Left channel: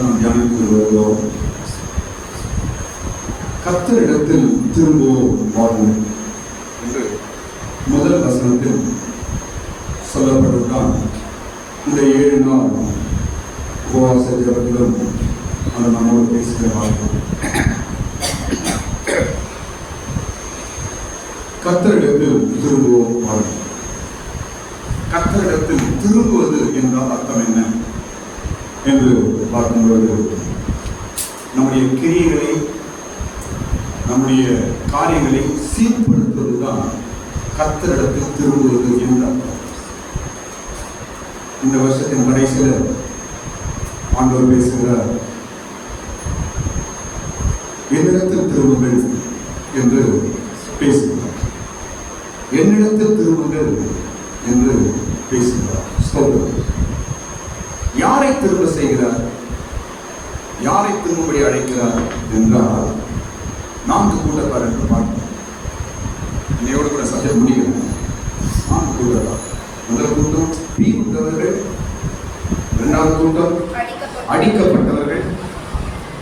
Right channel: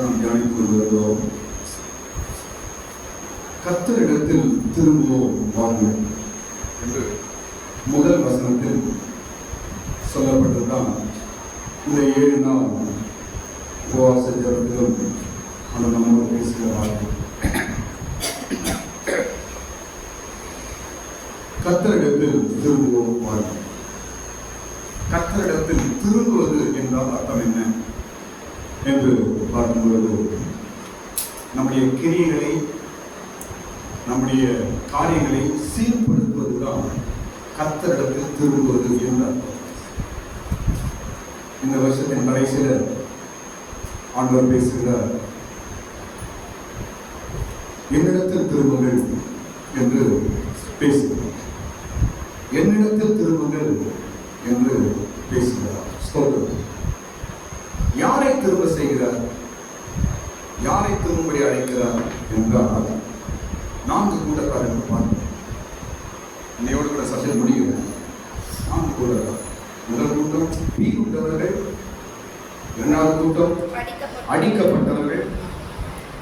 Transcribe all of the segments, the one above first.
நாம் தியானித்து வருகிறோம். கர்த்தரிடத்தில் திரும்புவோம் வாழ்வோம் என்று முதல் வசனத்தில் சொல்லப்பட்டதுதான். இந்த 7 நாள் உபவாச ஜெபத்திலும் அவர் நம்மோடு பேசுகிற வார்த்தை. கர்த்தரிடத்தில் திரும்புவோம் வாழ்வோம். கர்த்தரிடத்தில் திரும்புவது என்றால் அர்த்தம் என்ன என்று பார்க்கும்போது, நம்முடைய கிரியைகளை, நம்முடைய காரியங்களை சீர்படுத்துவதுதான் கர்த்தரிடத்தில் திரும்புவது என்ற அர்த்தம். இந்த வருஷத்தின் கடைசியில் ஆண்டவர் பேசுகிறார், என்னிடத்தில் திரும்புங்கள் என்று பேசுகிறார். என்னிடத்தில் திரும்புங்கள் என்று பேசுகிறார். யாரை திரும்ப செய்கிறார்? யாரை திரும்படி அழைக்கிறார் என்றால் 4 கூட்டத்தார் பார்க்கிறோம். என்னையோடு கூட சப்ஜெக்ட் முடிகிறது. 4 கூட்டத்தார். முதல் கூட்டம் பீவுண்டவர்கள், 2வது கூட்டம் அடிக்கப்பட்டவர்கள்,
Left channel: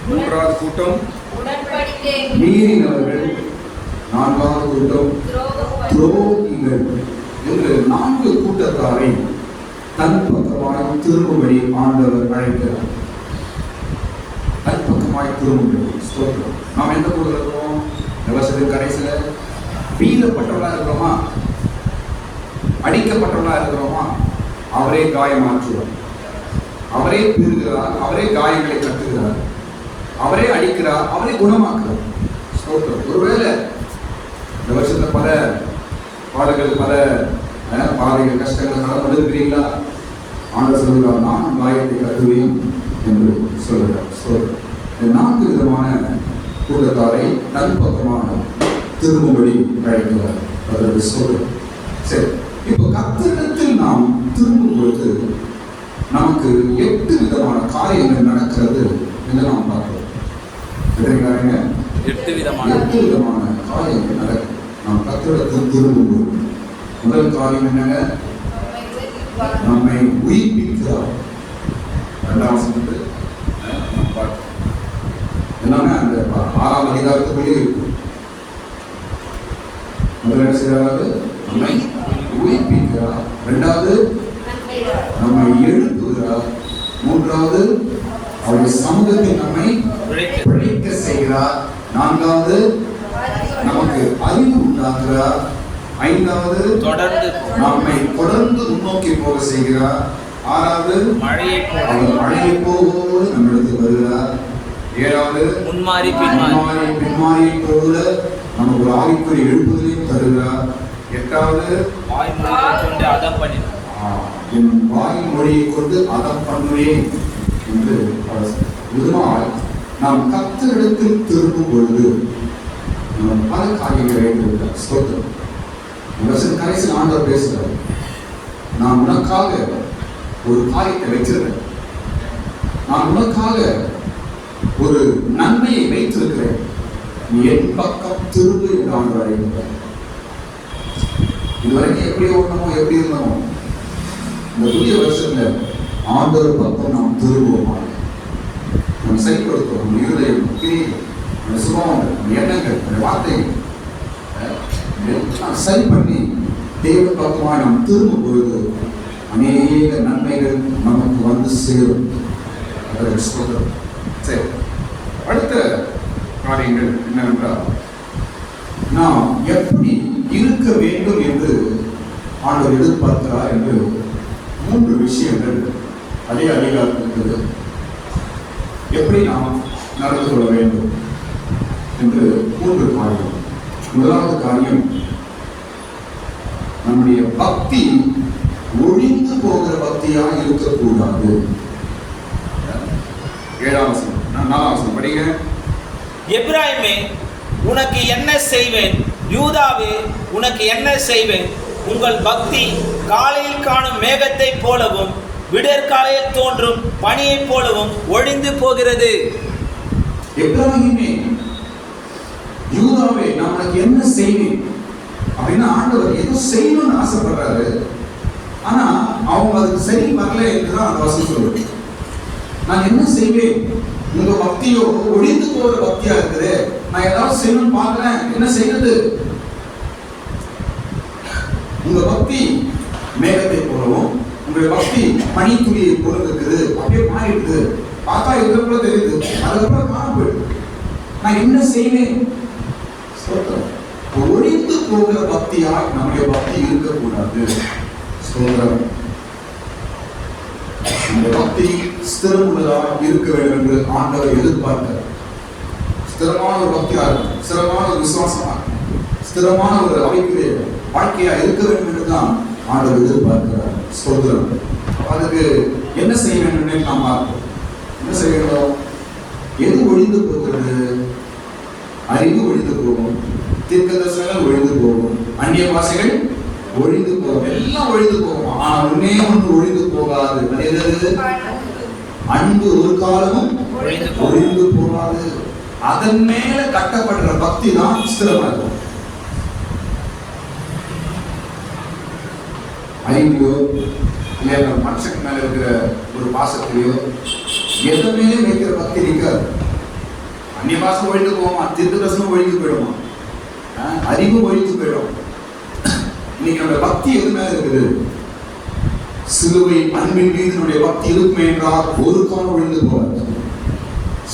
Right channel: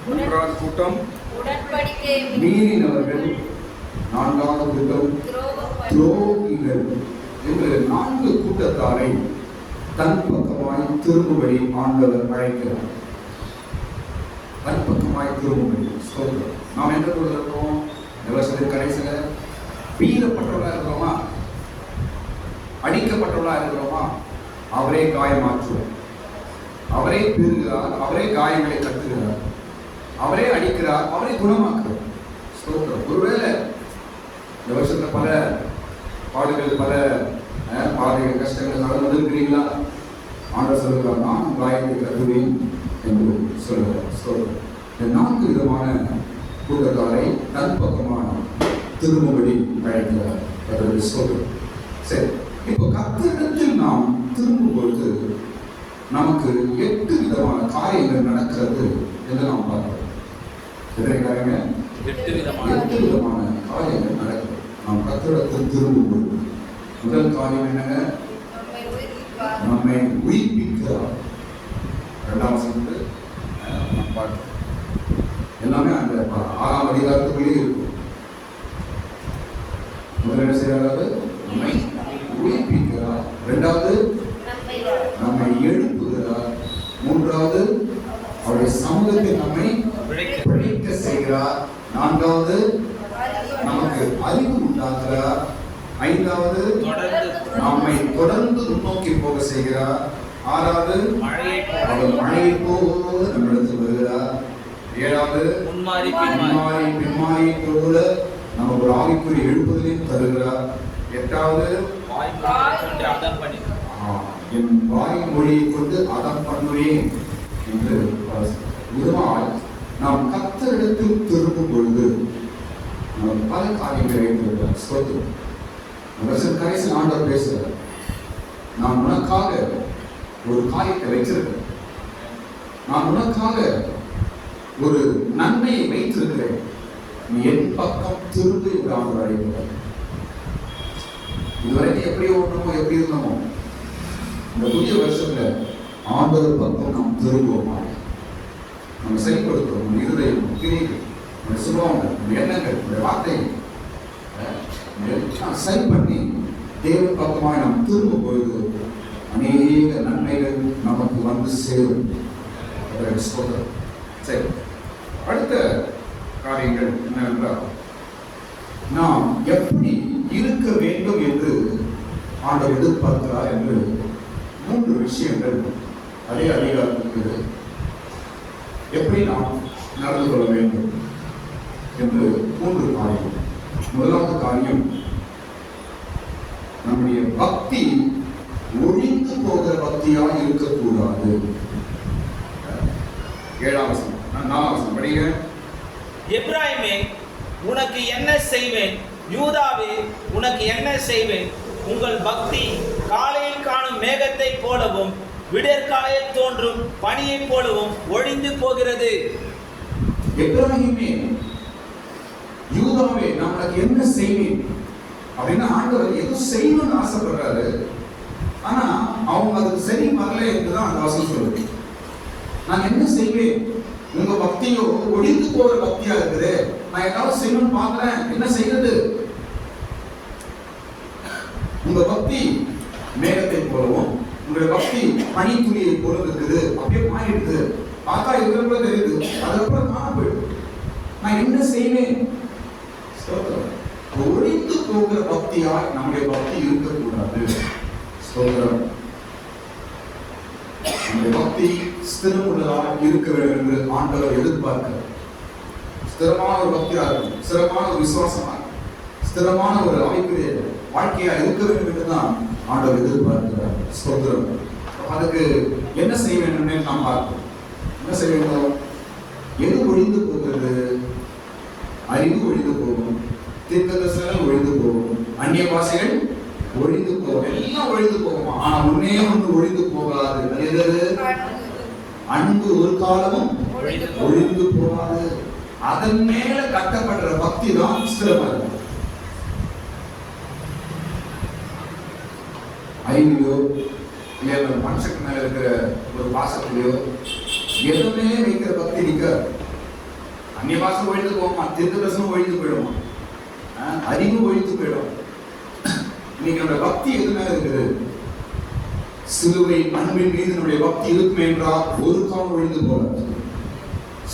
3வது கூட்டம் மீறினவர்கள், 4வது கூட்டம் துரோகிகள் என்று 4 கூட்டத்தாரை தன் பக்கமாய் திரும்பும்படி ஆண்டவர் அழைக்கிறார். தன் பக்கமாய் திரும்பும்படி. ஸ்தோத்திரம். நாம் எந்த கூட்டத்தில் இருக்கிறோம்? இந்த வருஷத்தின் கடைசியில் பீலப்பட்டவர்களாக இருக்கிறோமா? அடிக்கப்பட்டவர்களாக இருக்கிறோமா? அவரே காயமாற்றுவார், அவரே பீறுகிறார், அவரே காயங்களை கட்டுகிறார், அவரே அடிக்கிறார், அவரே குணமாக்குறார். ஸ்தோத்திரம். ஒருவேளை இந்த வருஷத்துல பல பாடுகள், பல பாதைகள், கஷ்டங்கள் கடந்து இருக்கிறீங்களா? ஆண்டவர் சொல்கிறார், நான் காயத்தை கட்டுவேன் என்று சொல்கிறார். ஸ்தோத்திரம். 4 விதமான கூட்டத்தாரை தன் பக்கமாக திரும்பும்படி அழைக்கிறார். அதற்கு ஸ்தோத்திரம். சரி, இப்போ கர்த்தரிடத்தில் நாம் திரும்பும் பொழுது நமக்கு 8 விதமான காரியங்கள் நடக்கிறது என்று நாம் பார்க்கிறோம். 8 விதமான காரியங்கள் நடக்கும் நாம் கர்த்தரிடத்தில் திரும்பும்போது. முதல் காரியம் என்னங்க? நம்மை உயிர்ப்பிக்கிறார். 2ஆம் வசனத்தில் நாம் பார்க்கிறோம். எல்லாமே அந்த 6ஆம் அதிகாரத்துக்குள்ளே இருக்கும். முதல் என்ன செய்யறாரு? நம்மை உயிர்ப்பிக்கிறார். 2வது நம்மை எழுப்புகிறார். 3வது அவருடைய சமூகத்தில் நம்மை பிழைக்க செய்கிறார். 4வது நமக்கு அறிவு உண்டாக்குகிறார். 5வது நம்மை தொடர்ந்து முன்னோக்கி போக செய்கிறார். 6வது மழையை போல நம்மிடத்தில் வருகிறார். 7வது முன்மாறி பின்மாறி போல நமக்கு ஒரு ஆவிக்குரிய எழுப்புதலையும் தருகிறார். 8வது என் வாய்மொழியை கொண்டு அதம் பண்ணுவேன் என்று விதமாக நாம் கர்த்தரிடத்தில் திரும்பும் பொழுது பல காரியங்களை வைத்திருக்கிறார். ஸ்தோத்திரம். வருஷம் கடைசியில் ஆண்டவர் பேசுகிறார், நான் உனக்காக ஒரு காரியத்தை வச்சிருக்கிறேன், நான் உனக்காக ஒரு நன்மையை வைத்திருக்கிறேன், நீ என் பக்கம் திரும்பு என்று ஆண்டவர் அழைக்கிறார். இதுவரைக்கும் எப்படி ஓடணுமோ, எப்படி இருந்தோமோ, இந்த புதிய வருஷத்துல ஆண்டவர் பக்கம் நாம் திரும்புவோமா? நம்ம சரிப்படுத்துவோம். நம்ம இருதயம், நம்ம சுபாவங்கள், நம்ம எண்ணங்கள், நம்ம வார்த்தைகள் சரி பண்ணி தேவன் பக்கமாக நாம் திரும்பும் பொழுது அநேக நன்மைகள் நமக்கு வந்து சேரும். சரி, அடுத்த காரியங்கள் என்னவென்றால், நாம் எப்படி இருக்க வேண்டும் என்று ஆண்டவர் எதிர்பார்க்கிறார் என்று 3 விஷயங்கள் அதே அதிகாரத்தில் இருக்கிறது. எப்படி நாம் நடந்து கொள்ள வேண்டும் என்று 3 காரியம். முதலாவது காரியம், நம்முடைய பக்தி ஒழிந்து போகிற பக்தியாக இருக்கக்கூடாது. 7ஆம் வசனம், 4ஆம் வசனம் படிங்க. எப்பிராயீமே, உனக்கு என்ன செய்வேன்? யூதாவே, உனக்கு என்ன செய்வேன்? உங்கள் பக்தி காலையில் காணும் மேகத்தை போலவும் விடற்காலையில் தோன்றும் பனியை போலவும் ஒழிந்து போகிறது. எப்பிராயீமே, யூதாவே, நான் உனக்கு என்ன செய்வேன் அப்படின்னா ஆண்டவர் ஏதோ செய்யணும்னு ஆசைப்படுறாரு. ஆனா அவங்க அதுக்கு சரி வரல என்றுதான் அந்த வசனம் சொல்லுது. நான் என்ன செய்வேன்? உங்க பக்தியோ ஒழிந்து போகிற பக்தியா இருக்குது. நான் ஏதாவது செய்யணும்னு பார்க்கிறேன், என்ன செய்யறது? உங்க பக்தி மேகத்தை போலவும் உங்களுடைய பக்தி பனித்துளியை போல இருக்குது. அப்படியே மாறிடுது. பார்த்தா இருக்கிறப்ப தெரியுது, அதுக்கப்புறம் காண போயிடுது. நான் என்ன செய்வேன்? ஒழிந்து போகிற பக்தியா நம்முடைய பக்தி இருக்கக்கூடாது. ஸ்தோத்திரம். இந்த பக்தி ஸ்திரமுள்ளதா இருக்க வேண்டும் என்று ஆண்டவர் எதிர்பார்க்கிறார். ஸ்திரமான ஒரு பக்தியா இருக்கும், ஸ்திரமான ஒரு விசுவாசமா இருக்கும், ஸ்திரமான ஒரு அமைப்பிலே வாழ்க்கையா இருக்க வேண்டும் என்றுதான் ஆண்டவர் எதிர்பார்க்கிறார். ஸ்தோத்திரம். அதுக்கு என்ன செய்ய வேண்டும் என்று நாம் பார்ப்போம். என்ன செய்ய வேண்டும்? எது ஒழிந்து போகிறது? அறிவு ஒழிந்து போகும், தீர்க்கதரிசனங்கள் ஒழிந்து போகும், அந்நிய பாஷைகள் ஒழிந்து போகும், எல்லாம் ஒழிந்து போகும். ஆனால் ஒன்னே ஒன்று ஒழிந்து போகாது. அன்பு ஒரு காலமும் ஒழிந்து போகாது. அதன் மேல கட்டப்படுற பக்தி தான் ஸ்திரமா இருக்கும். அறிவிலோ இல்லையா மனுஷனுக்கு மேல இருக்கிற ஒரு பாசத்திலையோ எதுவுமே வைக்கிற பக்தி நிற்காது. அந்நிய பாசம் ஒழிந்து போகுமா, தீர்க்கதரிசனம் ஒழிந்து போயிடுமா, அறிவு ஒழித்து போயிடும். இன்னைக்கு நம்முடைய பக்தி எது மேல இருக்குது? சிலுவை அன்பின் மீது நம்முடைய பக்தி இருக்குமே என்றால் ஒரு காலம் ஒழிந்து போகாது.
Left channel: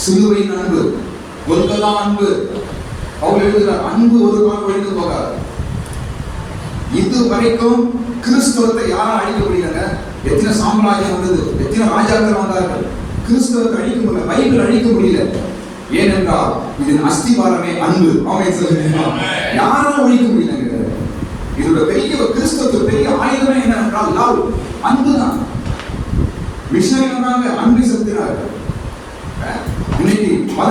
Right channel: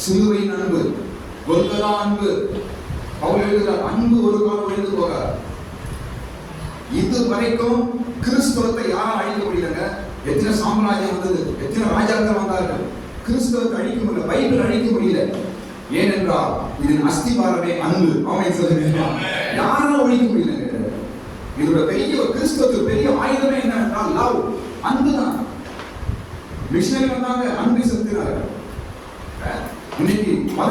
சிலுவையின் அன்பு, ஒருக்கதா அன்பு, அவர் எழுதுகிறார், அன்பு ஒரு காலம் ஒழிந்து போகாது. இது வரைக்கும் கிறிஸ்தவத்தை யாரும் அழிக்க முடியல. எத்தனை சாம்ராஜ்யம் வந்தது, எத்தனை ராஜாக்கள் வந்தார்கள், கிறிஸ்தவத்தை அழிக்க முடியல, பைபிள் அழிக்க முடியல. ஏனென்றால் இதன் அஸ்திபாரமே அன்பு. யாரும் ஒழிக்க முடியல. இதோட பெரிய கிறிஸ்தவத்துக்கு பெரிய ஆயுதமே என்னவென்றால் லவ், அன்புதான். மிஷனரி வந்தாங்க, அன்பு செலுத்தினார்கள். இன்னைக்கு பல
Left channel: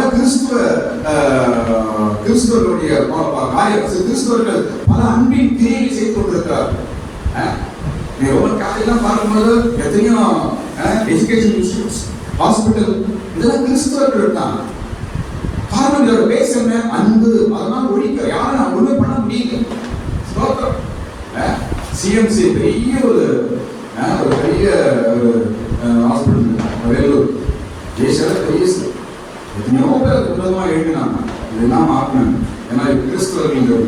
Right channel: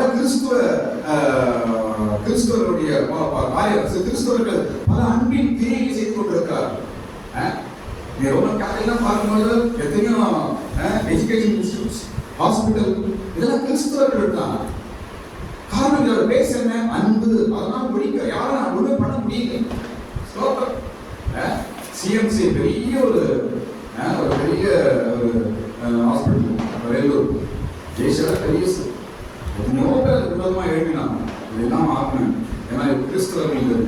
கிறிஸ்தவர்களுடைய கிறிஸ்தவர்கள் பல அன்பின் கிரியைகளை செய்து கொண்டிருக்கிறார்கள். ரோமன் கேத்தலிக்லாம் பார்க்கும்போது எத்தனையோ எஜுகேஷன் இன்ஸ்டிடியூட்ஸ், ஹாஸ்பிட்டல், இதெல்லாம் கிறிஸ்தவர்கள் தான். காரணம் இதோட பேஸ் என்ன? அன்பு. அதெல்லாம் ஒழிக்க யாரும் நான் ஒண்ணுமே பண்ண முடியல. சிஎம்சி பெரிய ஒரு பெரிய ஒரு ஹாஸ்பிட்டல் வேலூர் தேசத்துல பெரிய எத்தனையோ பேர் விரோதமா எழுதினாங்க. இதெல்லாம் ஆக்கணும். ஏன்னா கிறிஸ்தவர்கள்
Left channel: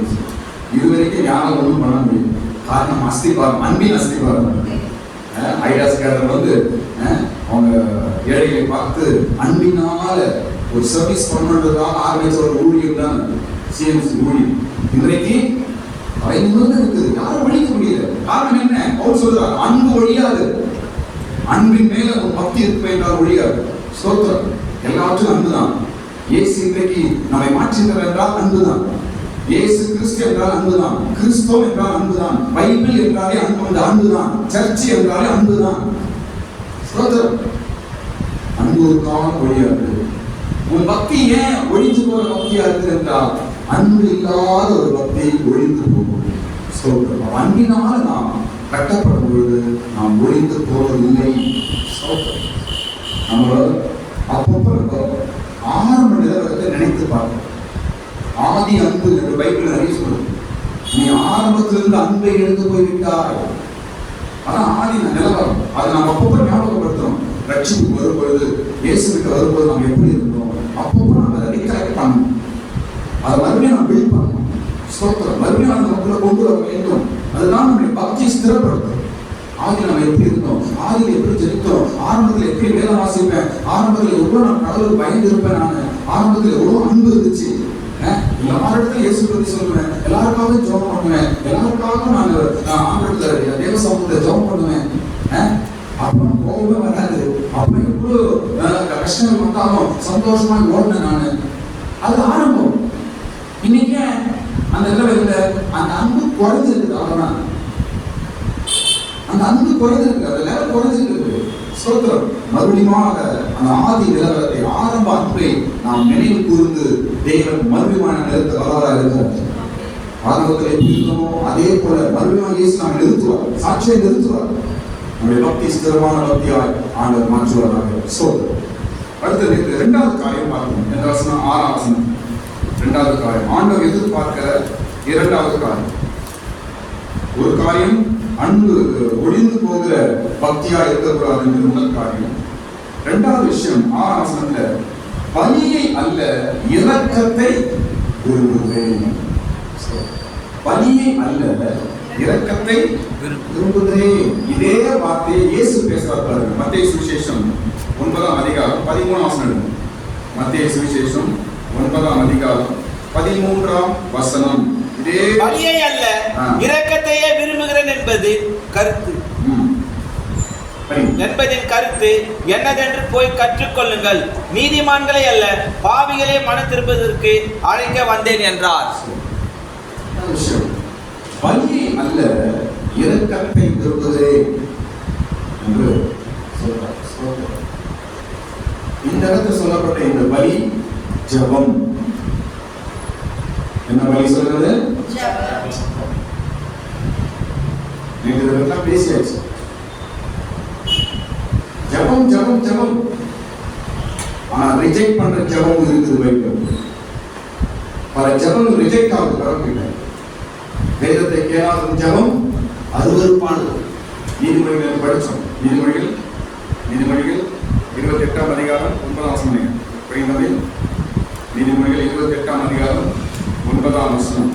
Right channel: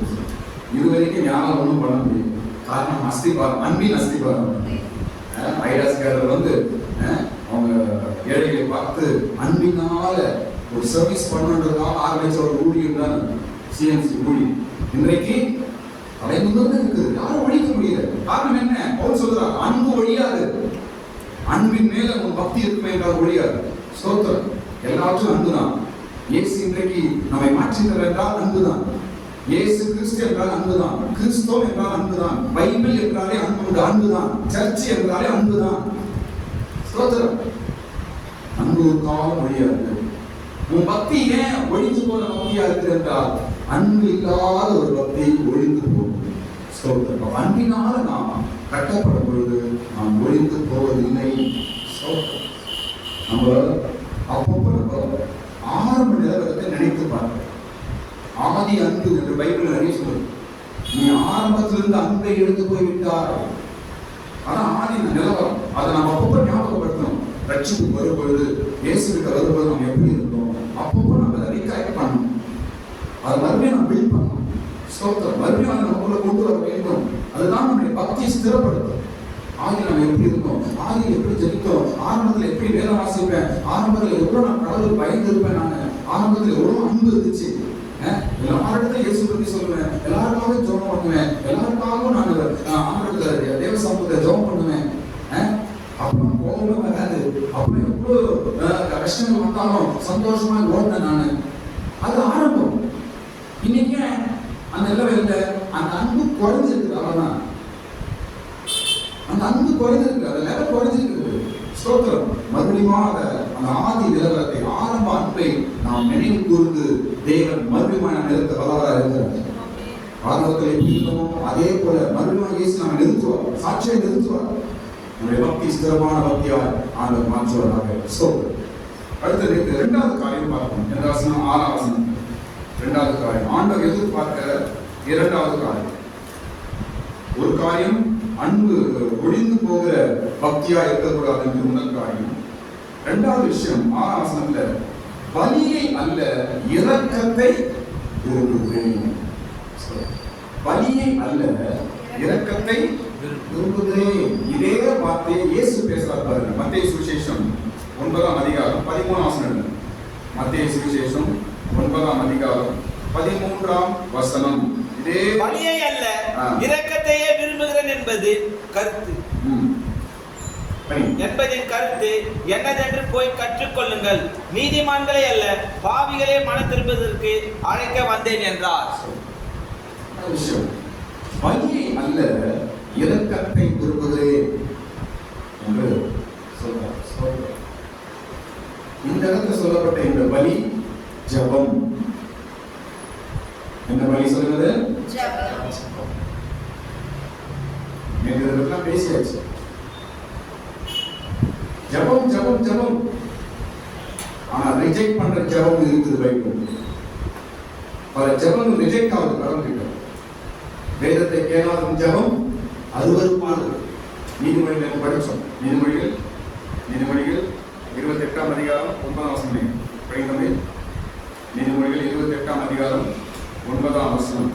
இதுவரைக்கும் யாரும் ஒன்றும் பண்ண முடியும். காரணம் அஸ்திபாரம், அன்பின் அஸ்திபாரம். ஐடாஸ்காரர் வந்து அவங்க ஏழைகளை பார்த்து அன்பினால ஒரு சர்வீஸ் பண்ணுறதுக்காக ஆரம்பிச்ச ஒரு ஊழியம் தான் சிஎம்சி ஊழியம். இன்றைக்கு தலைமுறை இருக்குது, யாரும் ஒழிக்க முடியல. காரணம் என்ன? அவர் சொல்றார், அன்பு ஒழியாது. அன்பின் மேல ஒரு பக்தி இருக்கும் என்றால் ஒழியாது. ஸ்தோத்திரம். எல்லாவற்றும் அன்புதான். இயேசு இன்றைக்கு நம்மை மாற்றினார் என்றால் அன்புதான். இயேசு கிறிஸ்து என்றால் அன்புதான். கிறிஸ்தவம் என்றால் அன்புதான். பைபிள் என்றாலே அன்பு, அன்புதான். சர்ச் என்றாலே அன்புதான். ஸ்தோத்திரம். அன்பு ஒரு காலம் ஒழியாது. உன் பக்தி ஏன் ஒழிந்து போற பக்தியா இருக்குது என்றால் அன்பு இல்லாத ஒரு பக்தி ஒழிந்து போகும். ஸ்தோத்திரம். அன்பினால நாம் கட்டப்படும் பொழுது நாம் ஒழிந்து போவதில்லை. நம்ம அப்பப்போ ஆரம்ப நிலவரத்தை நினைத்து பார்க்கணும். ஆதி அன்பு என்று பைபிள் நிறைய சொல்லுது. நீ ஆரம்பத்திலிருந்து அன்பை எடுத்து போய்விட்டாய். அதான் ஆதி நிலவரம். அதை நாம் அப்பப்போ ஞாபகப்படுத்தணும். ரட்சிப்பு வரும் பொழுது, இயேசுகிட்ட வரும்போது நாம் எப்படி இருக்கணும், அப்பப்போ நம்ம அதை ரீகலெக்ட் பண்ணணும். அதை மறுபடியும் நம்ம பில்ட் பண்ணணும். ஸ்தோத்திரம். மறுபடியும் அதை நமக்குள்ள கொண்டு வர வேண்டும். அதுதான் நம்முடைய பக்தியை ஸ்திரப்படுத்தும். ஆதி நம்ம எப்படி இருந்தோம், ஆதியில் எப்படி ஜெபித்தோம், ஆரம்பத்தில் எப்படி வேலை வாசிப்பேன், ஆரம்பத்தில் எவ்வளோ நான் கடவுளுக்கு பயந்து இருப்பேன், நான் ஆரம்பத்தில் எவ்வளோ அன்பு இருந்துச்சு. எல்லாரிடத்துல இயேசு பற்றி சொல்லுவேன், எல்லாருக்காகவும் ஜெபம் பண்ணுவேன், எல்லாருக்காகவும் நான் ஆண்டவரத்துல தேவ சமூகத்தை ஜெபம் பண்ணுவேன். அப்புறம் கோபமே வராது. அப்புறம் எவ்வளோ கஷ்டங்கள் வந்தாலும் சந்தோஷமா ஓடினேன் நான். அது ஆரம்பம். இன்னைக்கு அந்த நிலவரில் அந்த அன்பு குறைஞ்சிருக்கு. அவ்வளோதான். அந்த அன்பு குறைஞ்சிருக்கு, அந்த லெவல் குறைஞ்சிருக்கு. ஸ்தோத்திரம். மறுபடியும் அந்த ஆதி நிலவரத்தை, ஆரம்ப அன்பை நாம் நினைவு கூர்ந்து தேவன் மறுபடியும் நிலத்தை வரலாறு இருக்கிறார். ஆரம்பத்தில் எப்படி இருந்தோமோ அதே போல மறுபடியும் இயேசு நாம் நிறுத்துவார், சாட்சியை நிறுத்துவார். நம்முடைய பக்தி ஸ்திரமான பக்தியாய் ஆண்டவர் மாற்றுவார்கள். ஸ்தோத்திரம். அடுத்தது இரண்டாவது காரியம் பார்க்கணும். இந்த வசனம் 6ஆம் வசனம். இரண்டாவது காரியம் ஆண்டவர் எதிர்பார்க்கிற இரண்டாவது காரியம். ஒரு காரியம் அன்பு ஒழிந்து போகிற பக்தியா இருக்கக்கூடாது என்று முதல் காரியம். இரண்டாவது விஷயம் 6ஆம் வசனத்துல பலியை அல்ல இரக்கத்தை விரும்புகிறேன். பலியை அல்ல இரக்கத்தை விரும்புகிறேன். இதே வார்த்தையை இயேசு பேசுறார் பாருங்க. மத்தேயு சுவிசேஷம் 9ஆம் அதிகாரம் 13ஆம் வசனம். மத்தேயு சுவிசேஷம் 9ஆம் அதிகாரம் 13ஆம் வசனம். இதே பலியை அல்ல இரக்கத்தையே விரும்புகிறேன் என்பதின் கருத்து என்னதென்று போய் கற்றுக்கொள்ளுங்கள். நீதிமான்களை அல்ல பாவிகளை மனம் திரும்புவதற்கு அழைக்க வந்தேன் என்றார். பலியை அல்ல இரக்கத்தை விரும்புகிறேன் என்று சொல்றார். இந்த இடத்தில் சொல்லப்பட்ட இந்த பலி ஜெபம். என்ன பலி சொல்றது? இதெல்லாம் பேசியாச்சு. ஜெபம் ஜெபம் ஜெபம். ஆனா ரிஜெக்ட் பண்ற ஜெபம் இருக்குது பைபிள். பல ஜெபம் ரிஜெக்ட் ஆகுது கடவுள்கிட்ட. வேதத்தை கேளாத ஜெபம் அருவருப்பானது. நீதிமொழிகள் படிச்சோம். நீதிமொழிகள் 28ஆம் அதிகாரம் 9ஆம் வசனம். புரியுதமில் நீதிமொழிகள் 28ஆம் அதிகாரம் 9ஆம் வசனம்.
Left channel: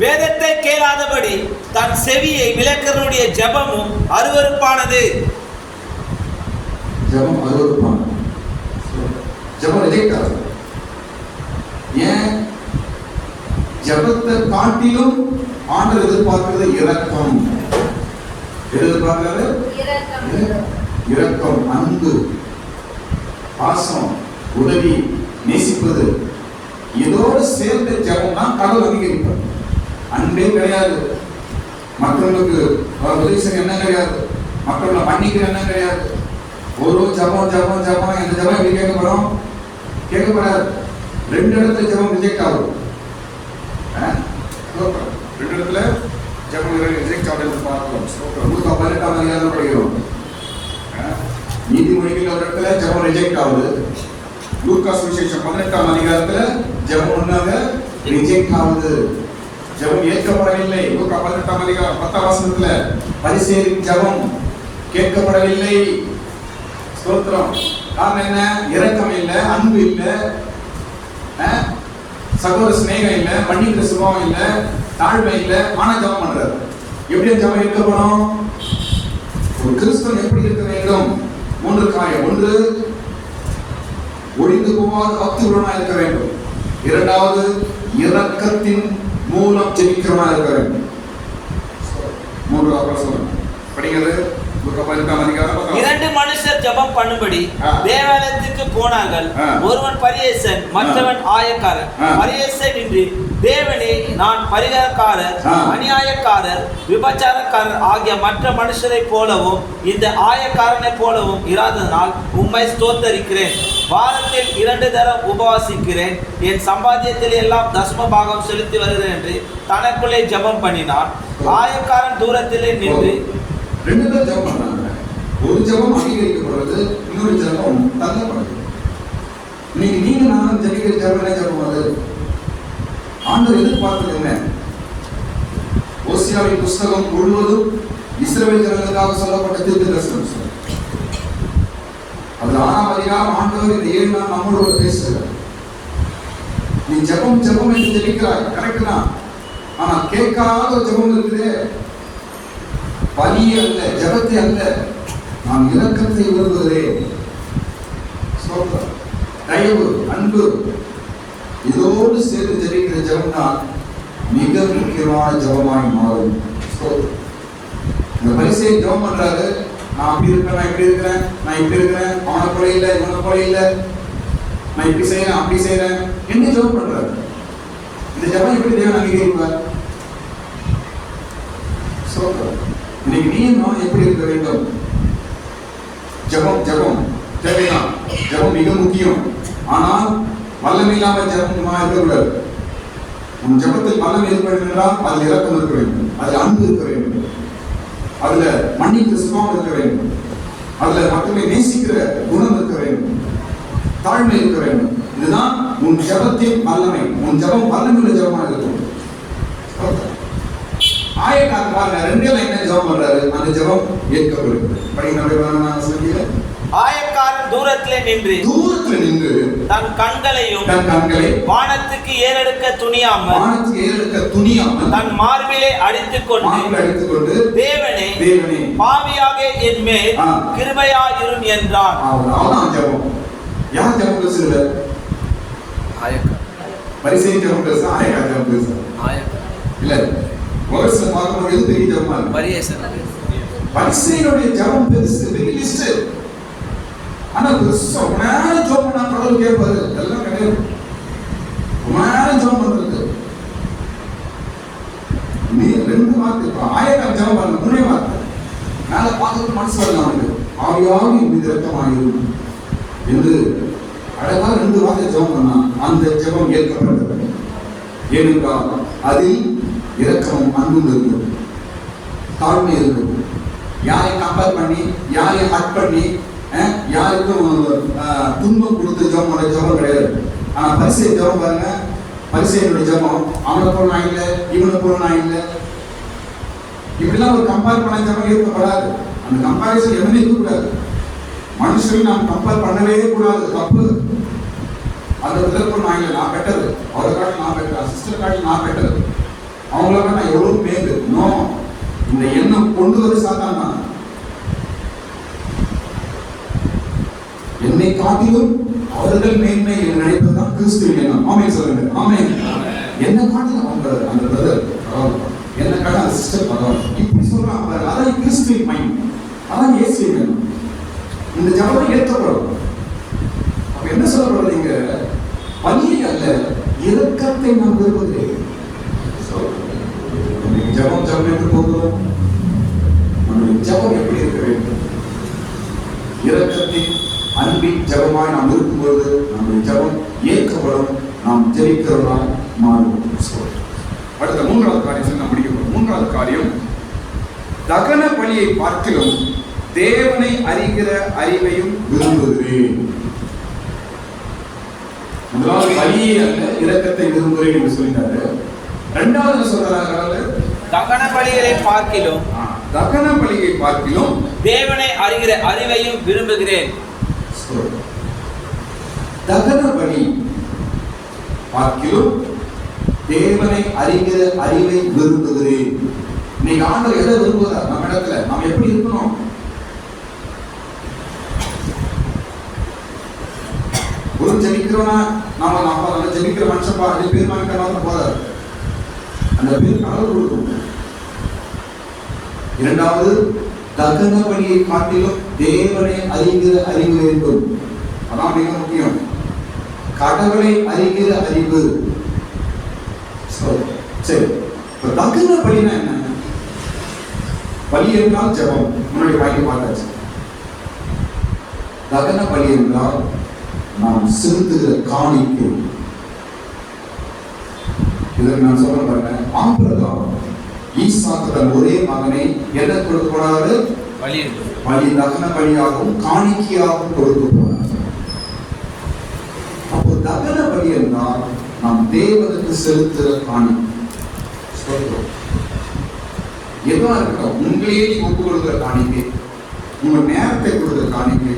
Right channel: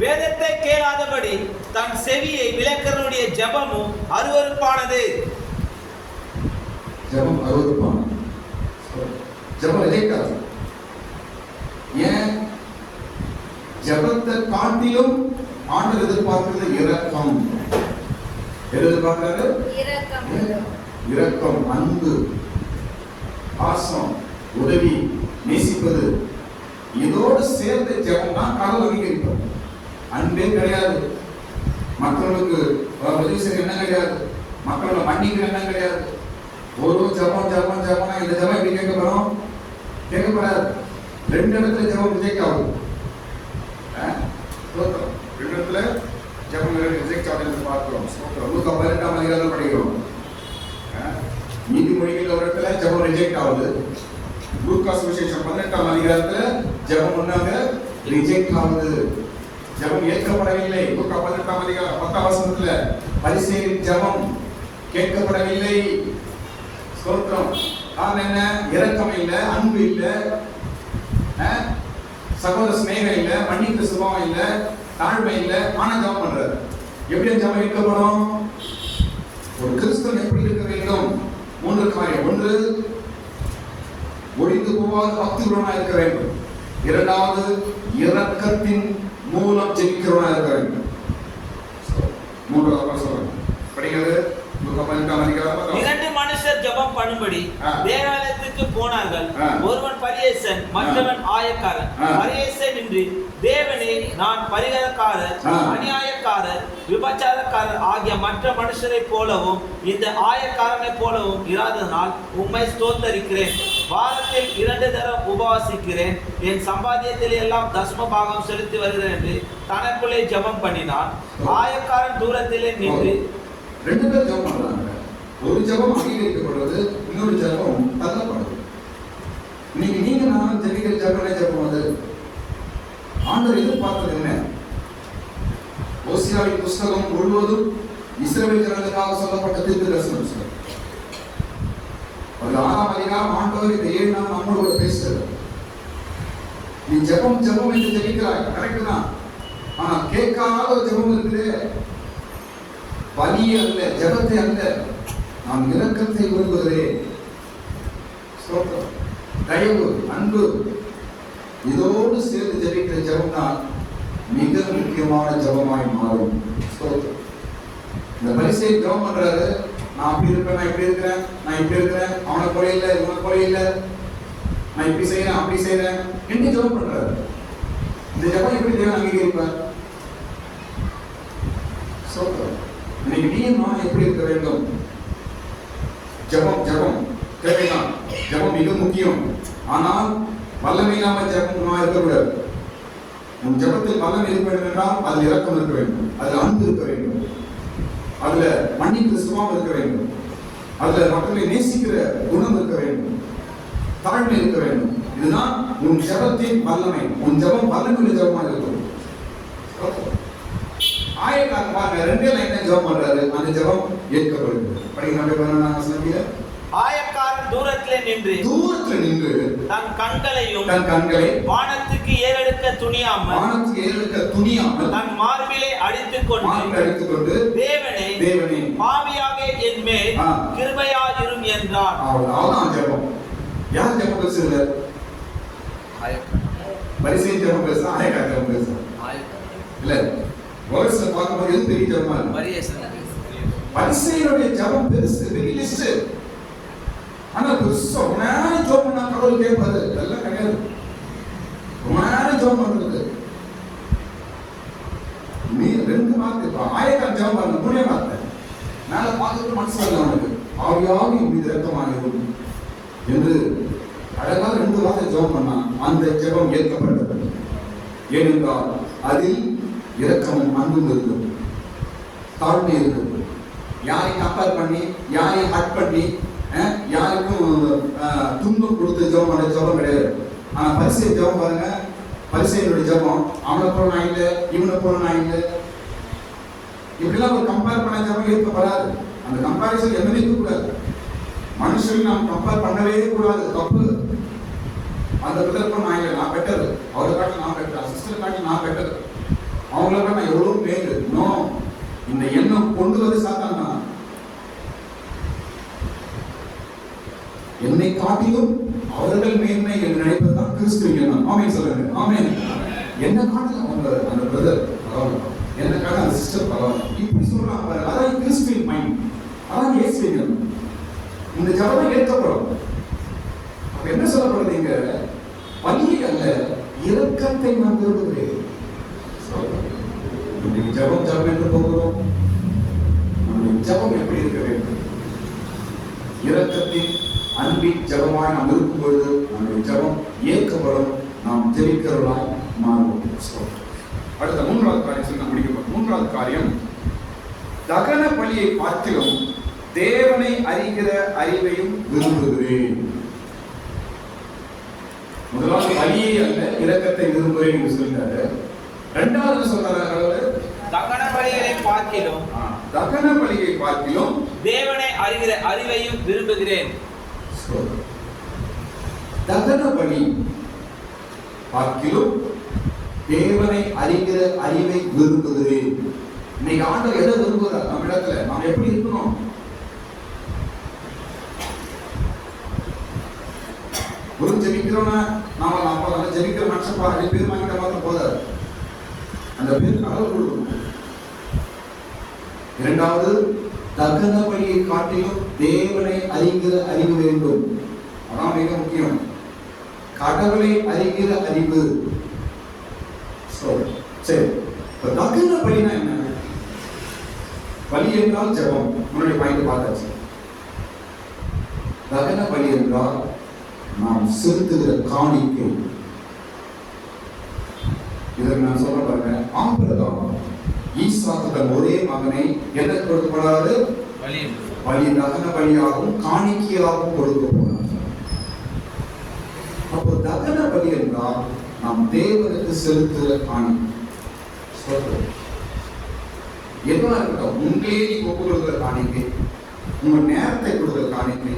வேதத்தை கேளாதபடி தன் செவியை விலக்கிறவனுடைய ஜெபமும் அருவருப்பானது. ஜெபம் அருவருப்பானது. ஜெபம் ரிஜெக்ட் ஆகுது. ஏன்? ஜெபத்தை காட்டிலும் ஆண்டவர் எதிர்பார்க்கிறது இரக்கம். எதிர்பார்க்கிறது இரக்கம், அன்பு, பாசம், உதவி, நேசிப்பது. இதோடு சேர்ந்த ஜெபம் தான் கடவுள் அங்கீகரிப்பார். அன்பே கிடையாது, மற்றவங்களுக்கு உதவி செய்ய என்ன கிடையாது, மற்றவங்களை மன்னிக்கிற என்ன கிடையாது. ஒரு ஜபம் ஜபம் ஜபம். இந்த ஜபம் எப்படி கேட்கப்படும்? கேட்கப்படாது. 2 இடத்துல ஜபம் ரிஜெக்ட் ஆகும். 2 இடத்துல ஜபம் ரிஜெக்ட் ஆகுது பார்க்கிறோம். 18ஆம் அதிகாரம் படிக்கிறோம். நீதிமொழிகள் ஒரு இடத்துல ஜபம் ரிஜெக்ட் ஆகுது. லூக்கா சுவிசேஷம் 18ஆம் அதிகாரத்துல ஜபம் ஒன்றாக ரிஜெக்ட் ஆகுது. ஜபம் ஏற்கப்படவில்லை. லூக்கா 18ஆம் அதிகாரம் 10ஆம் வசனத்துல பரிசேயரின் ஜபம் கேட்கப்படவில்லை. ஸ்தோத்திரம். காரணம் என்ன? இரக்கம் இல்லை, அன்பு இல்லை, சகோதர சிநேகம் இல்லை, மன்னிக்கிற சுபாவம் இல்லை, தாழ்மை இல்லை. ஆனா ஜபம் பண்றாரு. எப்படி ஜபம் இருக்கப்படும்? ஒரு கிறிஸ்தவன் எப்படி இருக்க வேண்டும்? 3 காரியம். 1, ஒழிந்து போகாத பக்தியுடனா இருக்க வேண்டும். 2வது, இரக்கத்தின் மூலம் ஜெபிக்கிறவனா இருக்க வேண்டும். 3வது அப்புறம் சொல்றேன். படிக்கிறது 2 மனுஷர் ஜெபம் பண்ணும்படி தேவாலயத்துக்கு போனார்கள். ஒருவன் பரிசேயன், மற்றவன் ஆயக்காரன். பரிசேயன் என்று தேவனே, நான் பரிகாரக்காரர், அநியாயக்காரர், விபச்சாரக்காரர் ஆகிய மற்ற மனுஷரை போலவும் இந்த ஆயக்காரனை போலவும் இராததனால் உம்மை ஸ்தோத்தரிக்கிறேன். வாரத்தில் 2 தரம் உபவாசிக்கிறேன். என் சம்பாத்தியத்தில் எல்லாம் தசம பாகம் செலுத்தி வருகிறேன் என்று தனக்குள்ளே ஜெபம் பண்ணினான். ஆயக்காரன் தூரத்திலே நின்று 2 பேர் ஜெபம் பண்றாங்க. ஒரு ஜெபம் அங்கீகரிக்கப்படுறது, இன்னொரு ஜெபம் தள்ளப்படுது. இன்னைக்கு நீங்க நான் ஜெபிக்கிற ஜெபம் என்ன ஜெபம்? அது ஆண்டவர் எதிர்பார்த்தது என்ன? ஓசியாவின் புஸ்தகம் முழுவதும் இஸ்ரவேல் ஜனங்களுக்காக சொல்லப்பட்ட தீர்க்கதரிசனம். அதுல 6ஆம் அதிகாரம் ஆண்டவர் இந்த 7 நாள் நம்மளோட பேசுகிறார். நீ ஜெபம் ஜெபம் என்று ஜெபிக்கிறாய், கரெக்ட் தான். ஆனா கேட்காத ஒரு ஜெபம் இருக்குது. பலியை அல்ல, ஜெபத்தை அல்ல, நான் இரக்கத்தை விரும்புகிறேன். தயவு, அன்பு, இதோடு சேர்த்து ஜெபிக்கிற ஜெபம் தான் மிக முக்கியமான ஜெபமாய் மாறும். இந்த பரிசேயன் ஜெபம் பண்றாரு. நான் அப்படி இருப்பேன், நான் இப்படி இருக்கிறேன், நான் இப்படி இருக்கிறேன், அவனை போல இல்லை, இவனை போல இல்லை, நான் இப்படி செய்யறேன், அப்படி செய்யறேன் என்ன ஜெபம் பண்றாரு. இந்த ஜெபம் எப்படி தேவன் அங்கீகரிப்பார்? இன்னைக்கு நீ நான் எப்படி இருக்க வேண்டும்? ஜெபம் ஜெபம் தேவைதான். ஜெபம் மிக முக்கியம். ஆனால் வல்லமை இல்லாமல் ஜெபமா இருக்கக்கூடாது. உன் ஜெபத்தில் வல்லமை இருக்க வேண்டும் என்றால் அதில் இரக்கம் இருக்க வேண்டும், அதில் அன்பு இருக்க வேண்டும், அதுல மன்னிக்கிற சுபாவம் இருக்க வேண்டும், அதுல மக்களை நேசிக்கிற குணம் இருக்க வேண்டும், தாழ்மை இருக்க வேண்டும். இதுதான் உன் ஜெபத்தின் வல்லமை. உன் ஜெபம் வல்லமையுள்ள ஜெபமாக இருக்கும். ஆயக்காரன் பாருங்க, 2 லைன் ஜெபம் பண்றாரு, அந்த ஜெபம் ஏற்கப்படுகிறது. படிங்க சொல்லுங்க. ஆயக்காரன் தூரத்திலே நின்று தன் கண்களை வானத்துக்கு ஏறெடுக்க துணியாமல் தன் மார்பிலே அடித்துக் கொண்டு தேவனே பாவியாக என் மேல் கிருபையாயிரும் என்றான். அவ்வளவுதான் ஜெபம். யார் ஜெபம் பேசுறது? ஆயக்காரன். பரிசேயன் ஜெபம் பேசுறா, ஆயக்காரன் ஜெபம் பேசுறா? ஆயக்காரன். இல்ல, வேர்ட்ஸ்ல பார்க்கும்போது எது பெரிய ஜெபமா இருக்கு? பரிசேயனுடைய ஜெபம் பெருசு, பெரிய லிஸ்ட். ஆனா பெருசா ரொம்ப நேரம் ஜெபம் பண்ணா கடவுள் கேட்பாரு. அதெல்லாம் கிடையாது. ரொம்ப நேரம் ஜெபம் பண்றது. நீ 2 வார்த்தை இப்ப ஆயக்காரன் ஜெபம் பண்ண 3 வார்த்தை. மேல பார்க்கறது மனசு வரலாம் அவனுக்கு. ஆவியாகி மீது இரக்கமாயிரும் என்று அழகா 2 வார்த்தை ஜெபம் பண்ணா அந்த ஜெபம் ஏற்கப்பட்டது. ஏனென்றால் அதில் இரக்கமும் அன்பும் இருந்தது, தாழ்மை இருந்தது. யாரை கம்பேர் பண்ணி, யாரை ஹர்ட் பண்ணி, யாருக்கும் துன்பம் கொடுத்து ஜெபம் பண்ண ஜெபம் கிடையாது. ஆனா பரிசேயன் ஜெபம் பாருங்க, பரிசேயனுடைய ஜெபம் அவனை போல நான் இல்லை, இவனை போல நான் இல்லை, இப்படிலாம் ஒரு கம்பேர் பண்ண ஜெபம் ஏற்கப்படாது. அந்த கம்பேரிசன் எதுவுமே இருக்கக்கூடாது. மனுஷன் நாம் கம்பேர் பண்ணவே கூடாது, தப்பு. அந்த விதத்தில் நான் இல்லை, நான் பெட்டர், அவரை காட்டி நான் பெட்டர், சிஸ்டர் காட்டி நான் பெட்டர், அவங்கள நான் எவ்வளவு மேலு. நோ, இந்த எண்ணம் கொண்டு வந்து சாத்தான் தான். என்னை காட்டிலும் அவர்கள் மேன்மை என்று நினைப்பதுதான் கிறிஸ்துவின் எண்ணம். ஆமென் சொல்லுங்க. ஆமென். என்ன காட்டிலும் அவங்க அந்த பிரதர் பரவாயில்ல, என்ன காட்டிலும் அந்த சிஸ்டர் பரவாயில்ல, இப்படி சொல்றாங்க. அதான் கிறிஸ்துவின் மைண்ட், அதான் இயேசுவின் எண்ணம். இந்த ஜெபம் ஏற்கப்படும். அப்ப என்ன சொல்லப்படுறது இங்க? பலியை அல்ல, இரக்கத்தை நாம் விரும்புகிறேன். ஜெபம் ஜெபம் என்று போகிறோம். நம்முடைய ஜெபம் எப்படி இருக்க வேண்டும்? இரக்கத்தின் அன்பின் ஜெபமாய் நாம் இருக்கும்போது நம்முடைய ஜெபம் ஏற்கப்படும், நாம் ஜெபிக்கிறவர்களாய் மாறுவோம். அடுத்த 3வது காரியம் நாம் முடிக்க போகிறோம். 3வது காரியம், தகன பலியை பார்க்கிலும் தேவனை அறிகிற அறிவையும் விரும்புகிறேன். முதலாவது பலியை அல்ல, இரக்கத்தை விரும்புகிறேன் என்று சொல்லிட்டாரு. 2வது சொல்றாரு, தகன பலிகளை பார்க்கிலும் தேவனை அறிகிற அறிவையும் விரும்புகிறேன். தகன பலி பார்க்கிலும் தேவனை அறிகிற அறிவை விரும்புகிறேன். இன்னைக்கு ஆண்டவர் எதை விரும்புகிறார் நம்ம இடத்துல? நாம் எப்படி இருக்கணும்? ஒரு ஜெபிக்கிறோம்னா நாம ஜெபிக்கிற மனுஷன் பாரு பேர் வாங்கிட்டா போதாது, அந்த பேர் கடவுள் கொடுக்கும். 2வது, தகன பலியை காட்டிலும் தேவனை அறிகிற அறிவு வேண்டும். அதான் மிக முக்கியம். கடவுளை அறிகிற அறிவு. சரி, இப்ப தகன பலினா என்ன? பலி என்றால் ஜெபம், முன்னாடி வாங்கி பார்த்தாச்சு. தகன பலி என்றால் நாம் செலுத்துகிற காணிக்கை. இதற்கு நான் சொல்ல பாருங்க, ஆபிரகாம் ஈசாக்கு தன் ஒரே மகனை என்ன கொடுக்க போனாரு? பலி, தகன பலியாகவும் காணிக்கையாகவும் கொடுக்க போனார். அப்போ தகன பலி என்றால் நாம் தேவனுக்கு செலுத்துகிற காணிக்கை. எதுவா இருக்கட்டும், உங்களையே நீங்க ஒப்பு கொடுக்கிற காணிக்கை, உங்க நேரத்தை கொடுக்கிற காணிக்கை,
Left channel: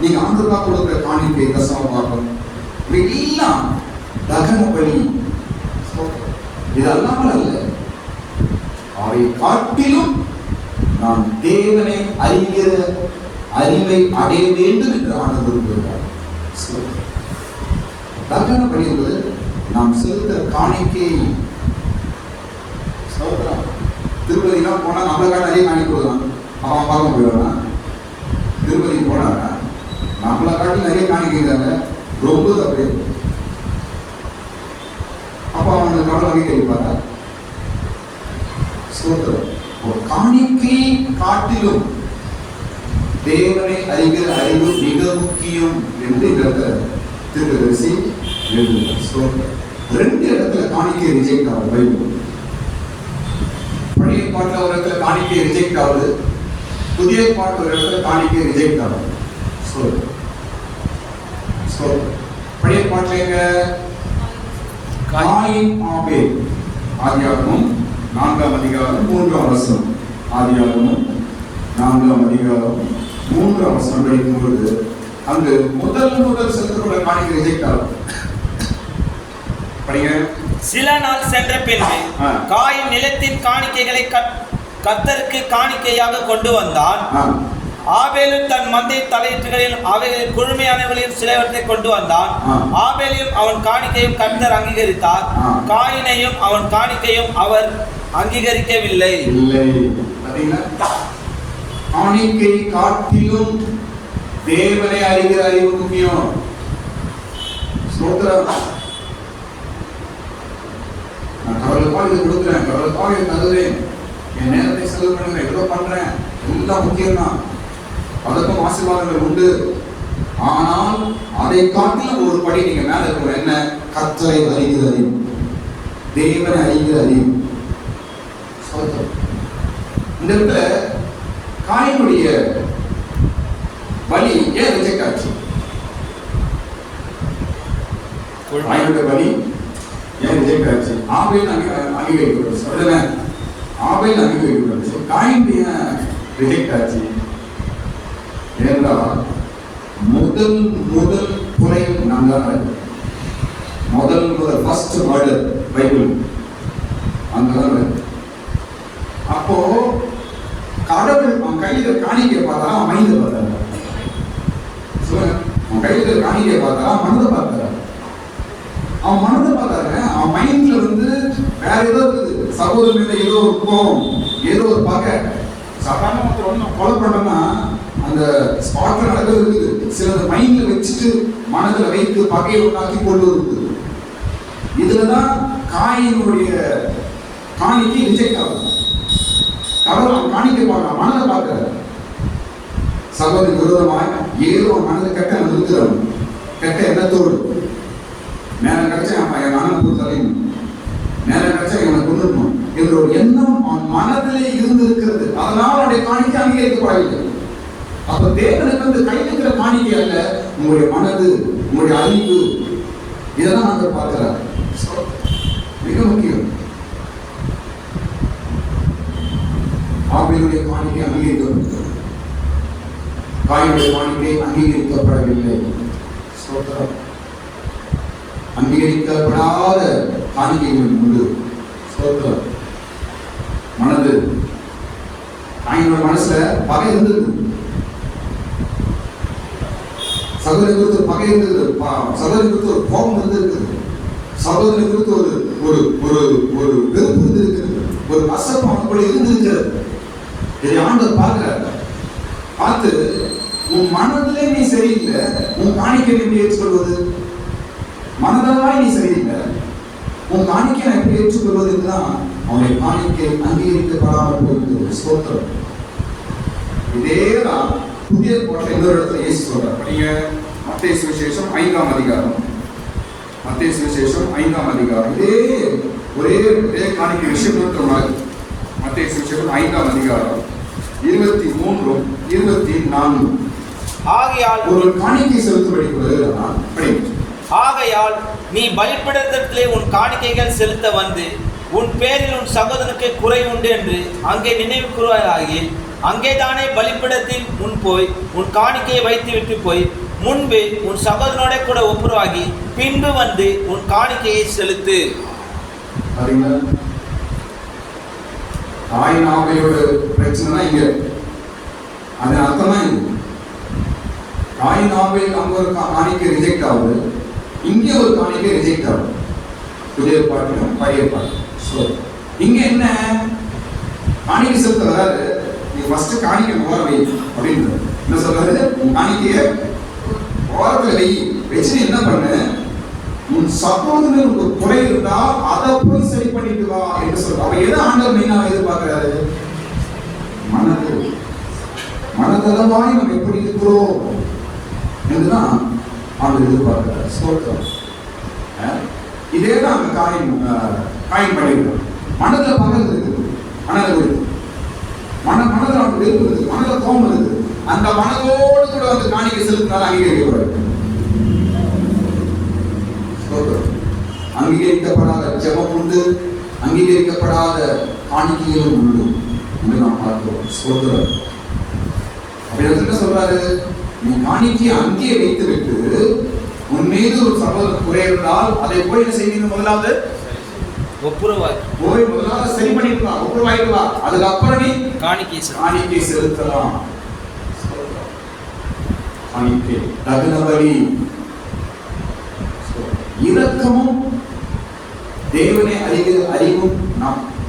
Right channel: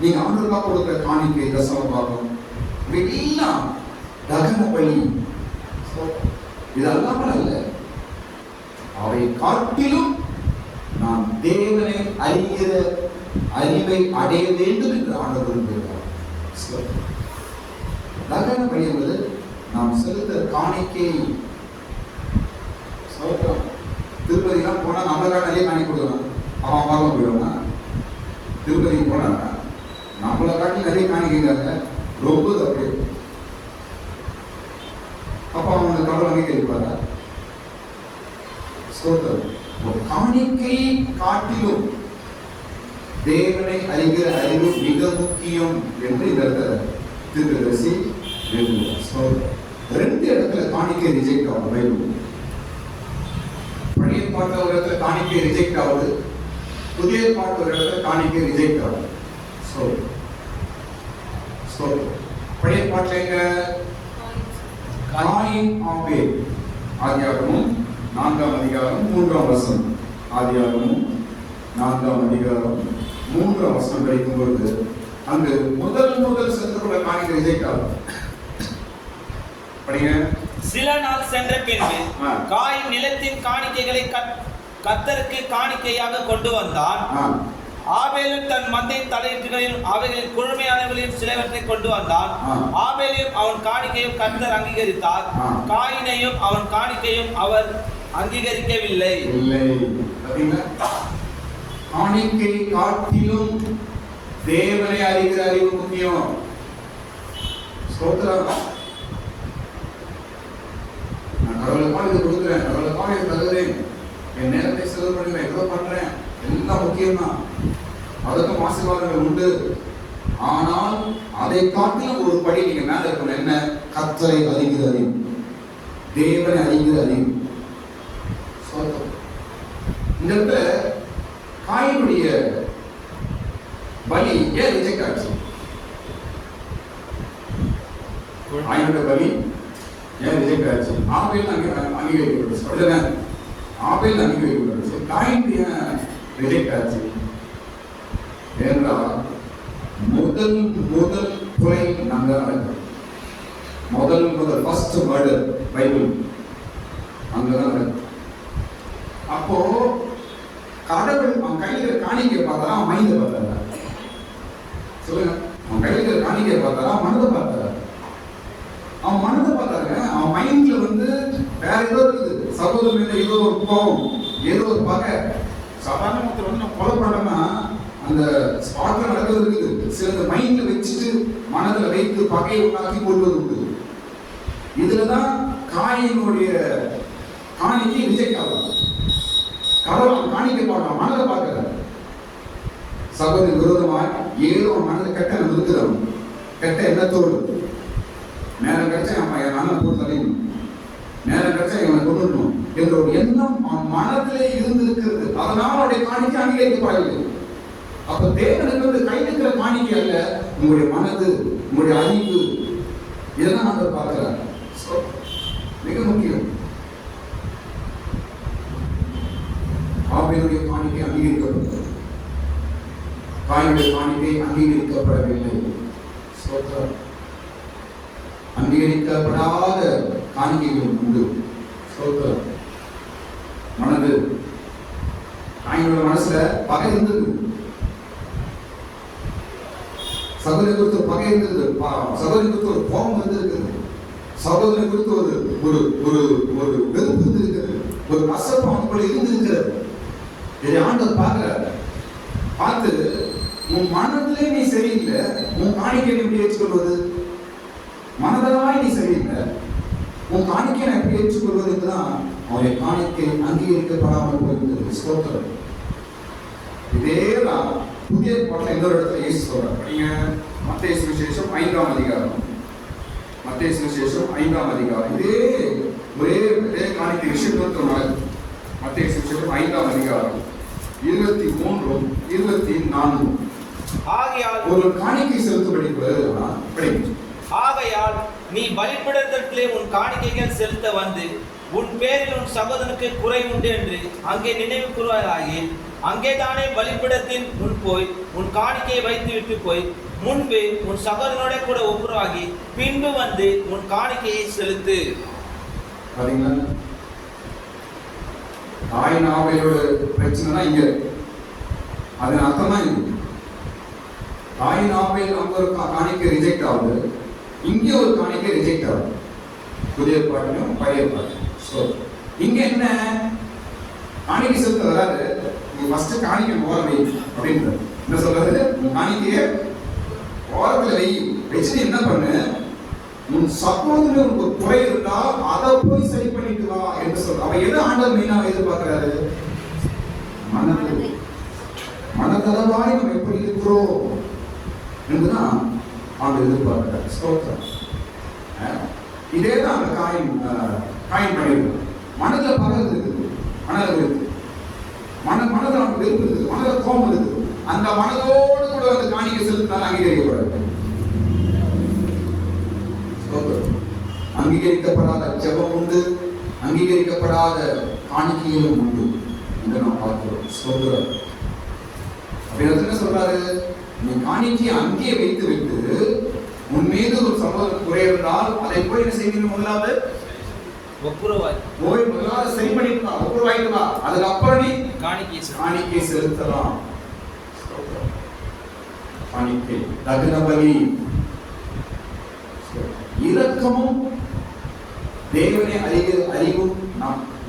நீங்க ஆண்டவருக்காக கொடுக்கிற காணிக்கை, தசம பாகம், இதெல்லாம் தகன பலி. இது அல்லாமல் அல்ல, அவை காட்டிலும் நாம் தேவனை அறிகிற அறிவை அடைய வேண்டும் என்று ஆண்டவர் விரும்புகிறார். தகன பலி என்பது நாம் செலுத்த காணிக்கை. திருப்பதிலாம் போனா நம்மளுக்காக நிறைய காணிக்கை கொடுக்கலாம், அவன் பார்க்க போயிடுவானா? திருப்பதிக்கு போனா நம்மளை காட்டி நிறைய காணிக்கைங்க, ரொம்ப தப்பு. அப்போ அவங்க கடவுள் வாங்கி கேட்பாரா? காணிக்கை காட்டிலும் தேவனை அறிகிற அறிவு மிக முக்கியம் என்று இந்த இடத்துல தீர்க்கதரிசி எழுதுகிறார். 2 இடத்துல காணிக்கை ரிஜெக்ட் ஆகுது. பழைய பாட்டுல ஒரு இடத்துல காணிக்கை ரிஜெக்ட் ஆகுது, புதிய பாட்டு ஒரு இடத்துல காணிக்கை ரிஜெக்ட் ஆகுது. பழைய பாட்டுல எங்க காயின் ஆபேல், ஆதியாகமம் 4ஆம் அதிகாரம் 3ஆம் வசனம். ஆதியாகமம் 4ஆம் அதிகாரம் 3ஆம் வசனம் படிக்கும் பொழுது அங்கு முதல் செலுத்தப்பட்ட காணிக்கை ரிஜெக்ட் ஆகும். படிங்க. சில நாள் சென்ற பின்பு காயின் நிலத்தின் காணிக்கைகளை கர்த்தருக்கு காணிக்கையாக கொண்டு வந்தான். ஆபேலும் தன் மந்தை தலையீட்டுகளில் அவைகளில் குழுமையானவர்களில் சிலவற்றை கொண்டு வந்தான். ஆபேலையும் அவன் காணிக்கையும் கர்த்தர் அங்கீகரித்தார். காயினையும் அவன் காணிக்கையும் அவர் அங்கீகரிக்கவில்லை. காணிக்கை காட்டிலும் தேவனை அறிகிற அறிவு முக்கியம். நான் கடவுளுக்காக இது கொடுக்குறேன், கடவுளுக்காக இது தருவேன், என் நேரத்தை செலவு பண்ணுறேன், எவ்வளோ பண்றேன், எல்லாம் முக்கியம்தான். அதற்கும் ஆசீர்வாதங்கள் உண்டு. ஆனால் அதை காட்டிலும் ஒரு படி நீங்க மேல இருக்கிற என்ன? கர்த்தரை அறிகிற அறிவு, தேவனை அறிகிற அறிவு. இந்த இடத்துல காயினுடைய பலி ஏன் ரிஜெக்ட் ஆச்சு? காயினுடைய பலி ஏன் ரிஜெக்ட் ஆச்சு? ஆபேல் அங்கீகரிக்கப்படும், ஆபேல் அங்கீகரிக்கப்படும், காயின் ஏன் ரிஜெக்ட் ஆச்சு என்றால் முதல் கொலை நான் தான். முதல் ஃபர்ஸ்ட் மர்டர் பைபிள் அங்கதான். அப்போ கடவுள் அவன் கையில காணிக்கை பார்த்தா அவன் மைண்ட பார்த்தாரா? சொல்லுங்க. அவன் கையில காணிக்கை பார்த்தாரா மனதை பார்த்தாரா? அவன் மனதை பார்த்தாருங்க. அவன் மைண்ட்ல வேற ஏதோ இருக்குது. சகோதரன் மீது ஏதோ ஒரு கோபம், ஏதோ ஒரு பகை. சாதாரண கொலை பண்ணோம்னா அந்த ஸ்பாட்ல நடக்கிறது இருக்குது. சிலது மைண்ட்ல வச்சுட்டு மனதில் வைத்து பகையை உண்டாக்கி கொண்டு இருக்குது. இதுலதான் காயினுடைய காணிக்கை ரிஜெக்ட் ஆகும். கடவுள் காணிக்கை பார்க்கலாம், மனதை பார்க்கிறார். சகோதரி விரோதமாக ஏதோ மனதை கெட்ட நிறுத்துறோம், கெட்ட எண்ணத்தோடு நேரம் கிடைச்சா என் அண்ணன் தலையும், நேரம் கிடைச்சா இவனை கொண்டுடணும் என்ற ஒரு எண்ணம் அவன் மனதிலே இருந்திருக்கிறது. அதனால் அவனுடைய காணிக்கை அங்கீகரிக்கப்படவில்லை. அப்ப தேவனுக்கு கைவிக்கிற காணிக்கை அல்ல, உங்களுடைய மனது, உங்களுடைய அறிவு, இதெல்லாம் நாங்கள் பார்க்கிறார். மிக முக்கியம். ஆபேலுடைய காணிக்கை அங்கீகரிக்கப்பட்டது, காயினுடைய காணிக்கை அங்கீகரிக்கப்படவில்லை. அங்கீகரிக்கப்படாத காணிக்கைகள் உண்டு. மனது, காயினோட மனசுல பகை இருந்தது, சகோதரி குறித்து பகை இருந்தது, சகோதரி குறித்து ஒரு கோபம் இருந்திருக்கிறது, சகோதரி குறித்து ஒரு ஒரு ஒரு ஒரு வெறுப்பு இருந்திருக்கிறது, ஒரு அசப்பம் அவனுக்குள்ள இருந்திருக்கிறது. இதை ஆண்டவர் பார்க்கிறார். பார்த்து உன் மனதிலே நீ சரியில்லை, உன் காணிக்கை எப்படி ஏற்றுக்கொள்வது? மனதளவாய் நீ சரியில்லை, உன் காணிக்கை நான் எப்படி ஏற்றுக்கொள்வதுன்னு தான் அவனுடைய காணிக்கை அங்கீகரிக்கப்படாமல் போகிறது. ஸ்தோத்திரம். இதேதான் புதிய பாட்டில் இன்னொரு இடத்துல இயேசு சொல்றார். நீங்க மத்தேயு சுவிசேஷம் 5ஆம் அதிகாரம், மத்தேயு சுவிசேஷம் 5ஆம் அதிகாரம், இதே ஒரே காணிக்கை விஷயம் மாதிரி. மத்தேயு சுவிசேஷம் 5ஆம் அதிகாரம் 23 24. ஆகையால் ஒரு காணிக்கை செலுத்தும்படி வருகிறான். ஆகையால் நீ பலிபீடத்திலே உன் காணிக்கைகள் செலுத்த வந்து உன் பேரில் உன் சகோதரனுக்கு குறை உண்டு என்று அங்கே நினைவு கூறுவாயாகி, அங்கேதானே பலிபீடத்தில் முன் போய் உன் காணிக்கையை வைத்து விட்டு போய் முன்பு உன் சகோதரனோட கூட ஒப்புரவாகி பின்பு வந்து உன் காணிக்கையை செலுத்து. காயின் ஆபேலோட பிரச்சனை இங்க, அது அர்த்தம் தான் இது. காயின் ஆபேல் அங்க ஒரு காணிக்கை ரிஜெக்ட் ஆகுது, இங்கே ஒரு காணிக்கை ரிஜெக்ட் ஆகுது. புதிய பாட்டிலும் பழைய பாட்டு. இங்க என்ன காணிக்கை செலுத்த வராது. நீ ஃபர்ஸ்ட் காணிக்கை போற வை அப்படின்னு என்ன சொல்றது? உன் காணிக்கைய ஓரத்துல வை, வச்சுட்டு என்ன பண்ணு, உன் சகோதரனுக்கு ஒரு குறை இருந்தா அதை போய் சரி பண்ணிட்டு வா என்று சொல்ற. அவ எதை ஆண்டவர் மெயினா எதிர்பார்க்கிறாரு? மனது, மனதளவாய் நம்ம எப்படி இருக்கிறோம் என்றுதான் ஆண்டவர் எதிர்பார்க்கிறார். ஸ்தோத்திரம். இதே தான் அந்த காயின் பண்ணிருக்கோம். மனதில் பகல் இருக்குது, மனதில் இருக்குது, மனதில் அவனுக்கு வெறுப்பு இருக்குது, மனதில் கோபம் இருக்குது. அந்த மனதோடு கூட வந்து காணிக்கை செலுத்தினால அங்கீகரிக்கப்படாது. அங்கீகரிக்கப்படாத ஜெபம் உண்டு, அங்கீகரிக்கப்படாத காணிக்கைகளும் உண்டு. என்று நாம் பார்க்கிறோம். ஸ்தோத்திரம். அப்படி என்ன சொல்றாரு? நீ காணிக்கையை அங்கேயே வைத்து விட்டு உன் மீது ஒரு சகோதரன் குறை இருந்தால் அதை போய் என்ன செய்வீங்க? முதலாவது போய் முதலாவது சரி பண்ணிக்கலாம், ஒப்புரவாயிக்கலாம். அதுக்கப்புறம் நீ காணிக்கை செலுத்தலாம். காணிக்கை தகன பலி. இரக்கமும் தேவனை அறிகிற அறிவும்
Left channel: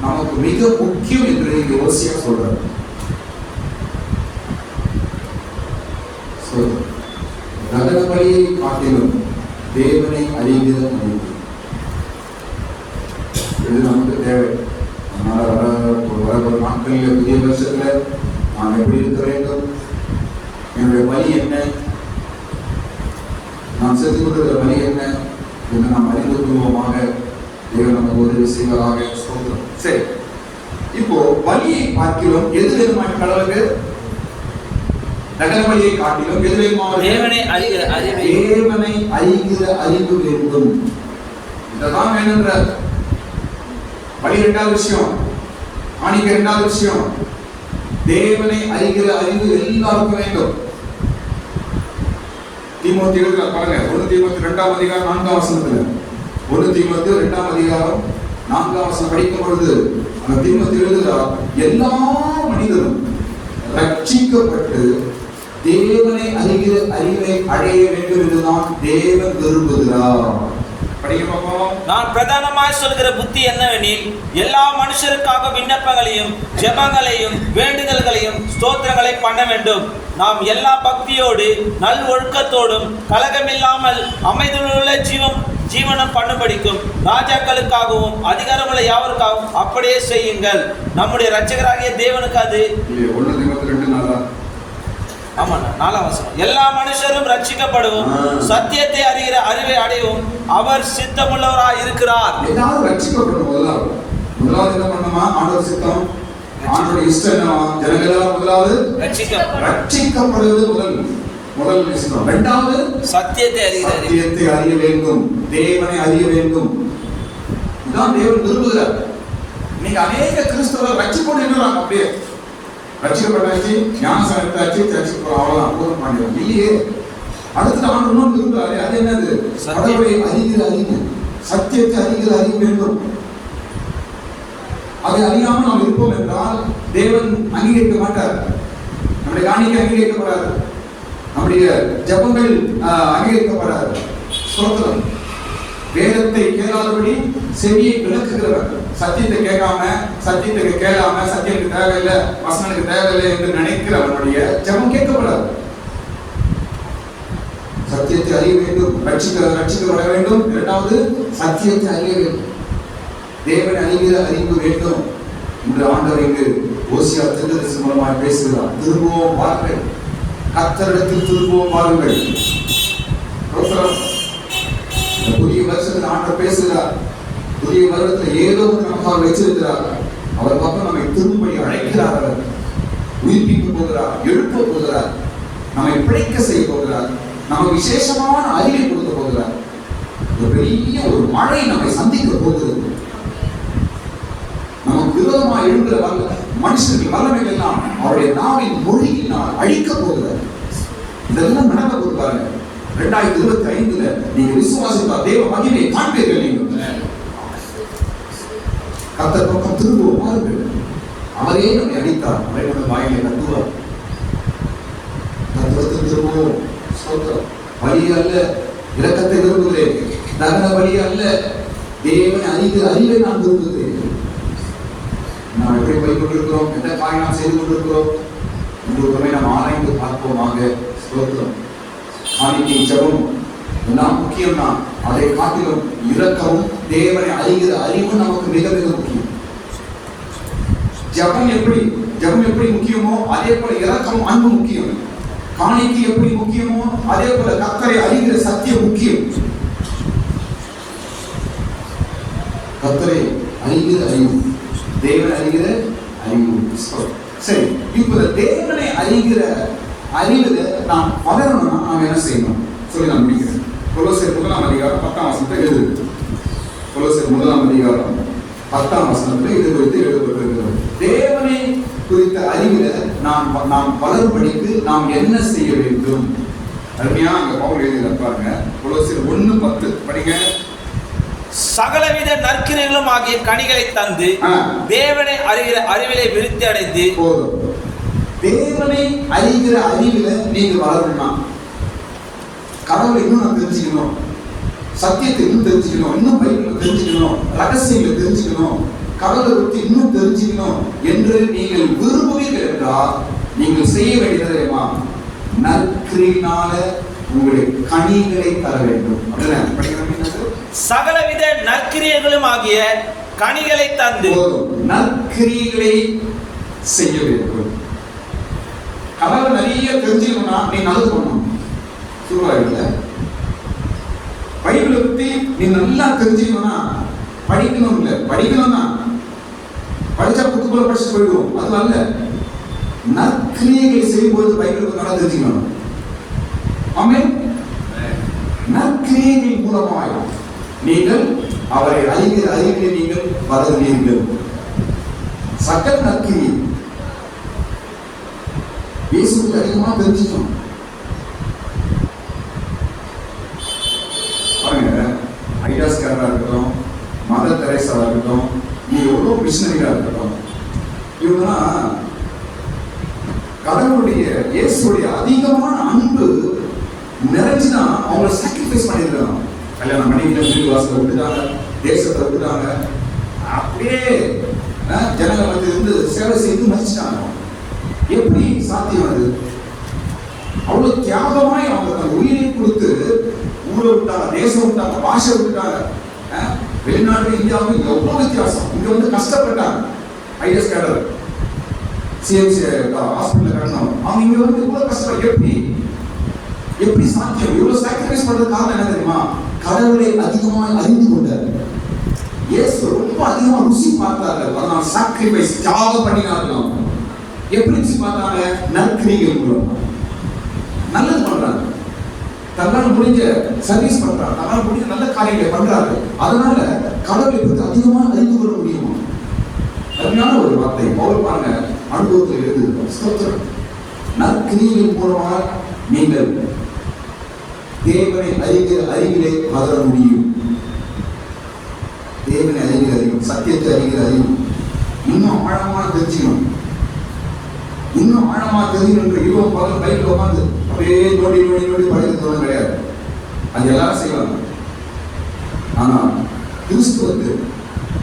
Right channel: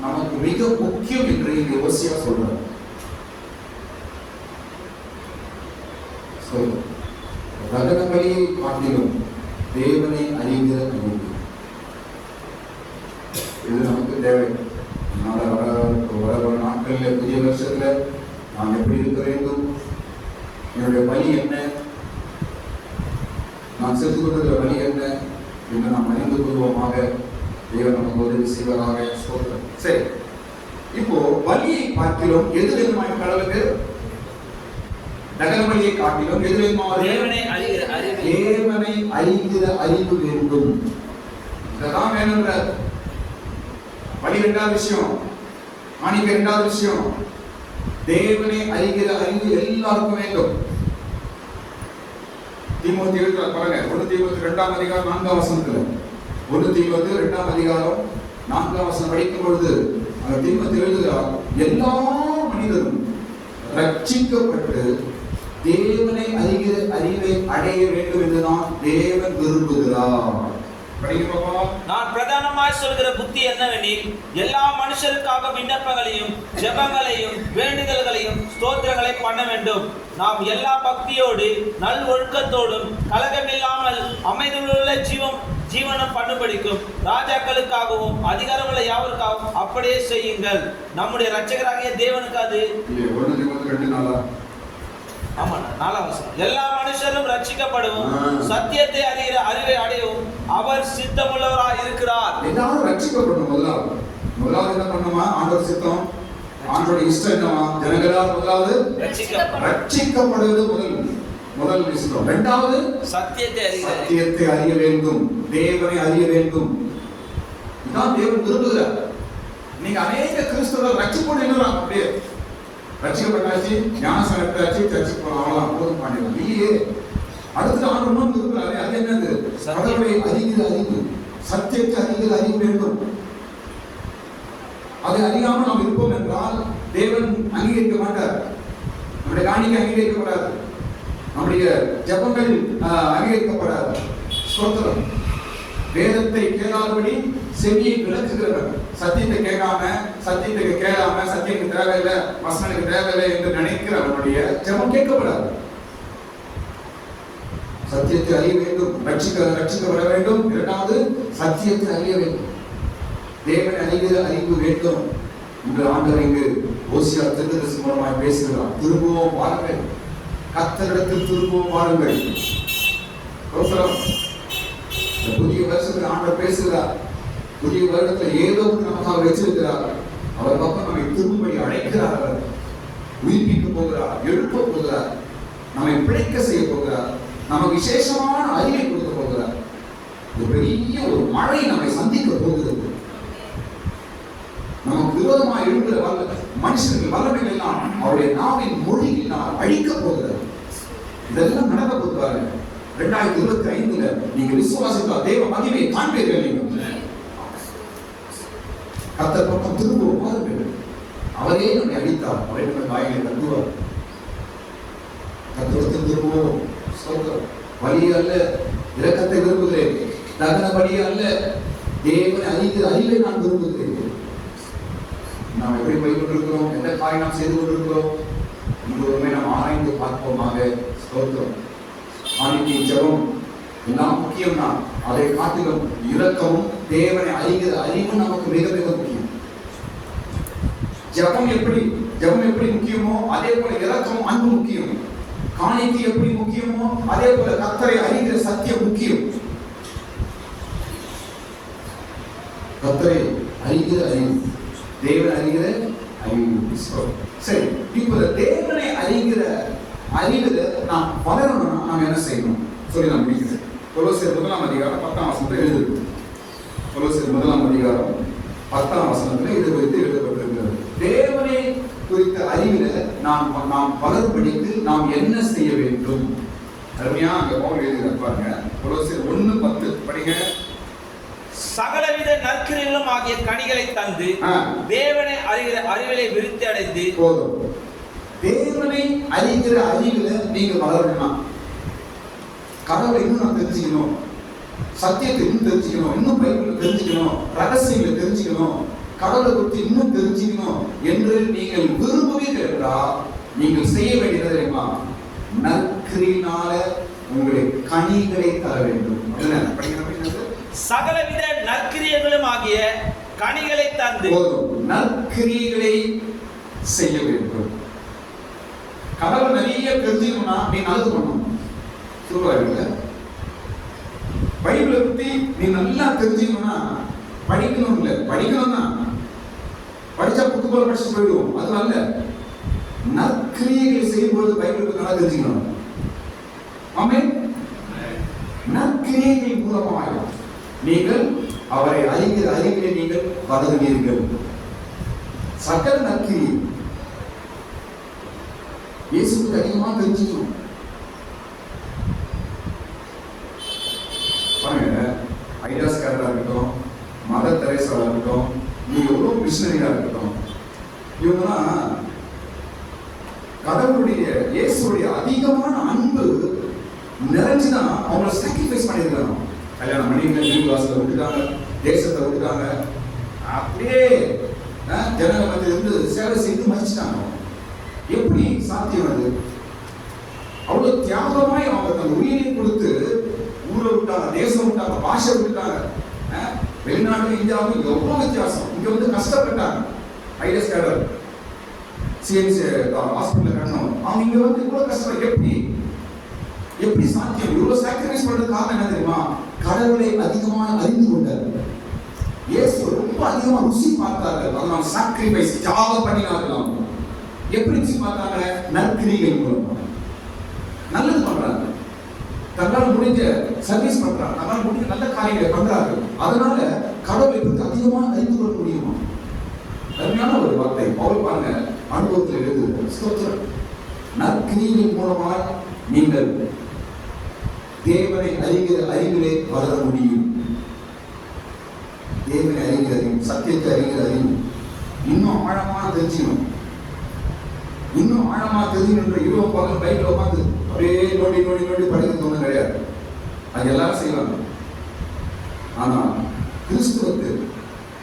நமக்கு மிக முக்கியம் என்று யோசியா சொல்றார். தகன பலியை காட்டிலும் தேவனை அறிகிற அறிவு இது நமக்கு தேவை. அதனால வர நாட்களில் புதிய வருஷத்துல நான் எப்படி இருக்க வேண்டும், என்னுடைய பலி என்ன, நான் செஞ்சு கொண்டிருக்கிற பலி என்ன என்று நாம் அறிந்து கொள்வோமாக. தேவன் நமக்கு உதவி செய்வதாக. ஸ்தோத்திரம். சரி, இப்போ பலியை பார்க்கிறோம். எது வேணுமான கடவுளுக்கு? தகன பலியை காட்டிலும் எது வேணுமான? தேவனை அறிகிற அறிவு வேண்டும். இதெல்லாம் வேணுங்கிற பலி இரண்டாவது விஷயம், காணிக்கை இரண்டாவது விஷயம். தேவனை அறிகிற அறிவு எல்லாருக்கும் வேண்டும். தீமோத்தேயுல பாருங்க, 1 தீமோத்தேயு 2ஆம் அதிகாரம் 4ஆம் வசனத்துல, 1 தீமோத்தேயு 2ஆம் அதிகாரம் 4ஆம் வசனம் படிக்கும் பொழுது அந்த தீமோத்தேயு எழுதுகிறார், எல்லா மனிதரும் ரட்சிக்கப்பட்டு தேவனை அறிகிற அறிவை அடைய வேண்டும் என்றுதான் தேவன் விரும்புகிறார். நான் பிரதானமாய் சொல்கிற புத்தி என்னவெனில், எல்லா மனுஷருக்காக விண்ணப்பங்களையும் ஜெபங்களையும் வேண்டுதல்களையும் ஸ்தோத்திரங்களை பண்ண வேண்டும். நாம் எல்லா பக்தியோடு நல் ஒழுக்கத்தோடும் கலகமில்லாமல் அமைதியுள்ள ஜீவனம் பண்ணும்படிக்கும் ராஜாக்களுக்காகவும் அதிகாரமுள்ள யாவருக்காகவும் அப்படியே செய்யுங்கள். நம்முடைய இரட்சகராகிய தேவனுக்கு அது எல்லா மனுஷரும் ரட்சிக்கப்படும் சத்தியத்தை அறிகிற அறிவை அடையவும் அவர் சித்தமுள்ளவராய் இருக்கிறார். எல்லாரும் ரட்சிக்கப்படும். முதலாவது என்ன பண்ணணுமா? ஆண்டவர் சித்தம், ஆண்டவர் இஷ்டம் என்ன? ஜனங்களா முதலாவது ரட்சிக்கப்படுவது முதல் விஷயம். இரண்டாவது சத்தியத்தை அறிய வேண்டும், தேவனை அறிய வேண்டும். இதான் தேவன் விரும்புகிறார். இன்னைக்கு அநேக கிறிஸ்தவர்கள் ரட்சிப்போடு இருக்கிறாங்க. அப்படியே ரட்சிக்கப்பட்டாச்சு, ஞானஸ்நானம் எடுத்தாச்சு, சர்ச்சுக்கு போறோம், அவ்வளவுதான், அற்புதம் பண்ணிடலாம். இல்லையே, அடுத்து ஆண்டு இன்னும் விரும்புகிறாரு. அது என்னது? கடவுளை அறிகிற அறிவு, சத்தியத்தை அறிகிற அறிவு வேண்டும். அதை அறியாமல் நாம் இருப்போம் என்றால் தேவன் அங்கீகரிக்க மாட்டார். நம்முடைய காணிக்கை அங்கீகரிக்கப்படாது, நம்முடைய ஜபங்கள் அங்கீகரிக்கப்படாது. ஸ்தோத்திரம். வேதத்தை கேளாதபடி செவியை விளக்குகிறவர், சத்தியத்தை கேட்காம, சத்தியத்துக்கு கேளாம, சத்தியத்துக்கு தேவையில்லை, வசனத்துக்கு தேவையில்லை என்று நினைக்கிறவனுடைய ஜபம் கேட்கப்படாது. சத்தியத்தை அறிய வேண்டும், ரட்சிக்கப்பட வேண்டும். இரண்டாவது சத்தியத்தை அறிய வேண்டும், தேவனை அறிகிற அறிவு வேண்டும். இன்று ஆண்டவர் இங்கு ஓசியா தீர்க்கதரிசி மூலமாக பேசுகிறார். திரும்பவும் வாருங்கள், கர்த்தரிடத்தில் திரும்பவும் வாருங்கள். புதிய வருஷத்தில் ஆண்டவர் பேசுகிறார். புதிய வருடத்தில் ஏதோ நமக்காக வச்சிருக்கிறார். அவர் பக்கம் நம்மை திரும்படி அழைக்கிறார். அவர் உயிர்ப்பிக்க போகிறார், எழுப்ப போகிறார், நம்மை பிழைக்க செய்ய போகிறார், நமக்கு விசேஷமான அறிவை கொடுக்க போகிறார். ஒரு பெரிய ஒரு மழை நம்மை சந்திக்க போகிறது. நமக்கு விரோதமாக எழுப்புகிற மனுஷர்கள் வல்லமைகள் எல்லாம் அவருடைய நாவின் மொழியினால் அழிக்க போகிறார். இதெல்லாம் நடக்க போது பாருங்க. 2025 நீங்க விசுவாசித்தால் தேவ மகிமை காண்பீர்கள். கர்த்தர் பக்கம் திரும்பவும் பாருங்கள். அவரே நம்மை அடித்தார், அவரே நம்ம வாயிலை தட்டுவார். கர்த்தரத்தில் திரும்பவும். வழி அல்ல, இரக்கத்தை விரும்புகிறேன். தகன வழி அல்ல, தேவனை அறிகிற அறிவை நான் விரும்புகிறேன். நாம் எப்படி போய் கொண்டிருக்கிறோம், எந்த காரியம் நாம் செய்து கொண்டிருக்கிறோம் என்பதை நாம் ஆராய்ந்து பார்ப்போமாக. ஸ்தோத்திரம். காணிக்கை, ஜெபம் எல்லாம் முக்கியம் தான். அதை காட்டிலும் இரக்கமும் தேவனை அறிகிற அறிவும் நமக்கு மிக மிக முக்கியம். ஜெபம் எப்படி முக்கியமோ அதே போல இரக்கம், அன்பு முக்கியம். காணிக்கை எப்படி முக்கியமோ அதே போல கர்த்தரை அறிகிற சத்தியம் முக்கியம். கர்த்தரை அறிகிற அறிவு, தேவனை அறிகிற அறிவு. சரி, இப்போ தேவனை அறிகிற அறிவுல நாம் வளரணும்னா நாம் என்ன செய்யணும் சொல்லி நான் முடிக்கிறேன். கொலோசியர் 1ஆம் அதிகாரம் 10ஆம் வசனத்தில் எழுதுது. கொலோசியர் 1ஆம் அதிகாரம் 10ஆம் வசனத்தில் இது குறித்து எழுதப்பட்டிருக்கிறது. தேவனை குறித்த அறிவில நாம் வளரும்படிக்கு நாம் என்ன செய்ய வேண்டும்? அருமையா அங்க பவுல் எழுதியத பாருங்க. கொலோசியர் 1:10 படிங்க. சகலவித நற்கிரியைகளும் ஆகிய கனிகளை தந்து தேவனை அறிகிற அறிவிலே விருத்தி அடைந்து போதும். தேவனை அறிகிற அறிவில நீங்க வளரணும்னா, கடவுளை இன்னும் நான் தெரிஞ்சுக்கணும், சத்தியத்தை இன்னும் தெரிஞ்சுக்கணும், இன்னும் பைபிளை தெரிஞ்சுக்கணும், ரகசியங்களை தெரிஞ்சுக்கணும், கடவுளை பற்றி இன்னும் தெரிஞ்சுக்கணும் என்று நீங்கள் விரும்புவீர்கள் என்றால் நீங்கள் செய்ய வேண்டியது தெரியுமா? நற்கிரியினால உங்களுடைய கனிகளை தர வேண்டும். சகலவித நற்கிரியைகளும் ஆகிய கனிகளை தந்து நற்கிரியைகளை செய்ய வேண்டும். கடவுளை நிறைய தெரிஞ்சுக்கணும்னா நீ நல்லது பண்ணணும். சொல்லுவாங்க பைபிளை பத்தி நீ நல்லா தெரிஞ்சுக்கணும்னா படிக்கணும் இல்லை, படிக்கணும்னா படிச்சா புக்கு போல படிச்சு போயிடுவோம். அது அல்ல, நற்கிரியைகளை செய்யும்போது பைபிளுக்கு நல்லா தெரிஞ்சுக்கணும். ஆமென். நற்கிரியைகள் மூலமாக நீங்கள் அவரை அறிகிற அறிவிலே நீங்கள் வளருவீர்கள். சகல நற்கிரியை இயேசுவுக்கு அதிகமாக தெரிஞ்சுக்கணும். பாருங்க, ஐடாஸ்காரா இருக்கட்டும், மதர் தெரேசாவா இருக்கட்டும், நீங்க எவ்வளோ மிஷினரிகளா இருக்கட்டும், இவங்கெல்லாம் கடவுளுடைய இயேசுடைய அதிகமான அன்பு நிறைஞ்சுதான் அவங்களை சாக்ரிஃபைஸ் பண்ணிருக்காங்க. கல்யாணம் பண்ணிக்கிட்டு வீடு வாசலை விட்டுட்டாங்க, தேசத்தை விட்டுட்டாங்க, அப்படியே ஜனங்க மத்தியில இருந்து சேவை செய்து மதிச்சுட்டாங்க. எப்படி சாத்தியம் அது? அவ்வளவு தியாகமாய் அவங்க தன் உயிரை கொடுத்து ஊரை விட்டாங்க, தேசம் விட்டாங்க, பாஷை விட்டுட்டாங்க. வெளிநாடு இந்தியாவுக்கு எவ்வளவு வித்தியாசம். இங்க வந்து கஷ்டப்பட்டாங்க. ஐஎஸ் கேடர் சிஎம்சி ஹாஸ்பிட்டல் கட்டணும், அவங்க இங்க வந்து இவ்வளவு கஷ்டம். எப்படி சாத்தியம்? இவ்வளவு சாக்ரிஃபைஸ் பண்றது காரணம் என்ன தெரியுமா? கடவுளை அதிகமாக அறிந்து கொண்டார். இயேசு ரொம்ப அதிகமா ருசி பார்த்தார்கள், அதனால சாக்ரிஃபைஸ் தியாகம் பண்ணினார்கள். எப்படி ருசி பார்த்தாங்க? நற்கிரிகள் மூலம் நல்லது பண்றாங்க, தங்களால் முடிஞ்ச சர்வீஸ் பண்றாங்க, தங்களால் முடிஞ்ச நல்ல காரியங்களை பண்றாங்க. அதனால கடவுளை பற்றி அதிகமாக அறிந்து கொள்ள முடியுமா? அருமையான ஒரு வார்த்தை பவுல் பாருங்க அனுபவத்தில் எழுதுகிறார். ஸ்தோத்திரம். நற்கிரிகளின் மூலமாக நீங்கள் தேவனை அறிகிற அறிவிலே வளர முடியும். தேவனை அறிகிற அறிவு, சத்தியத்தை அறிகிற அறிவு இன்னும் ஆழமா தெரிஞ்சுக்கணும். இன்னும் ஆழமா தெரிஞ்சுக்கணும். இரவு பகல் பைக்கில் உட்காந்து அப்படியே நோண்டி நோண்டி நோண்டி படிக்கிறது ஒன்றும் கிடையாது. அது எல்லாரும் செய்வாங்க. ஆனா கிறிஸ்துவுக்கு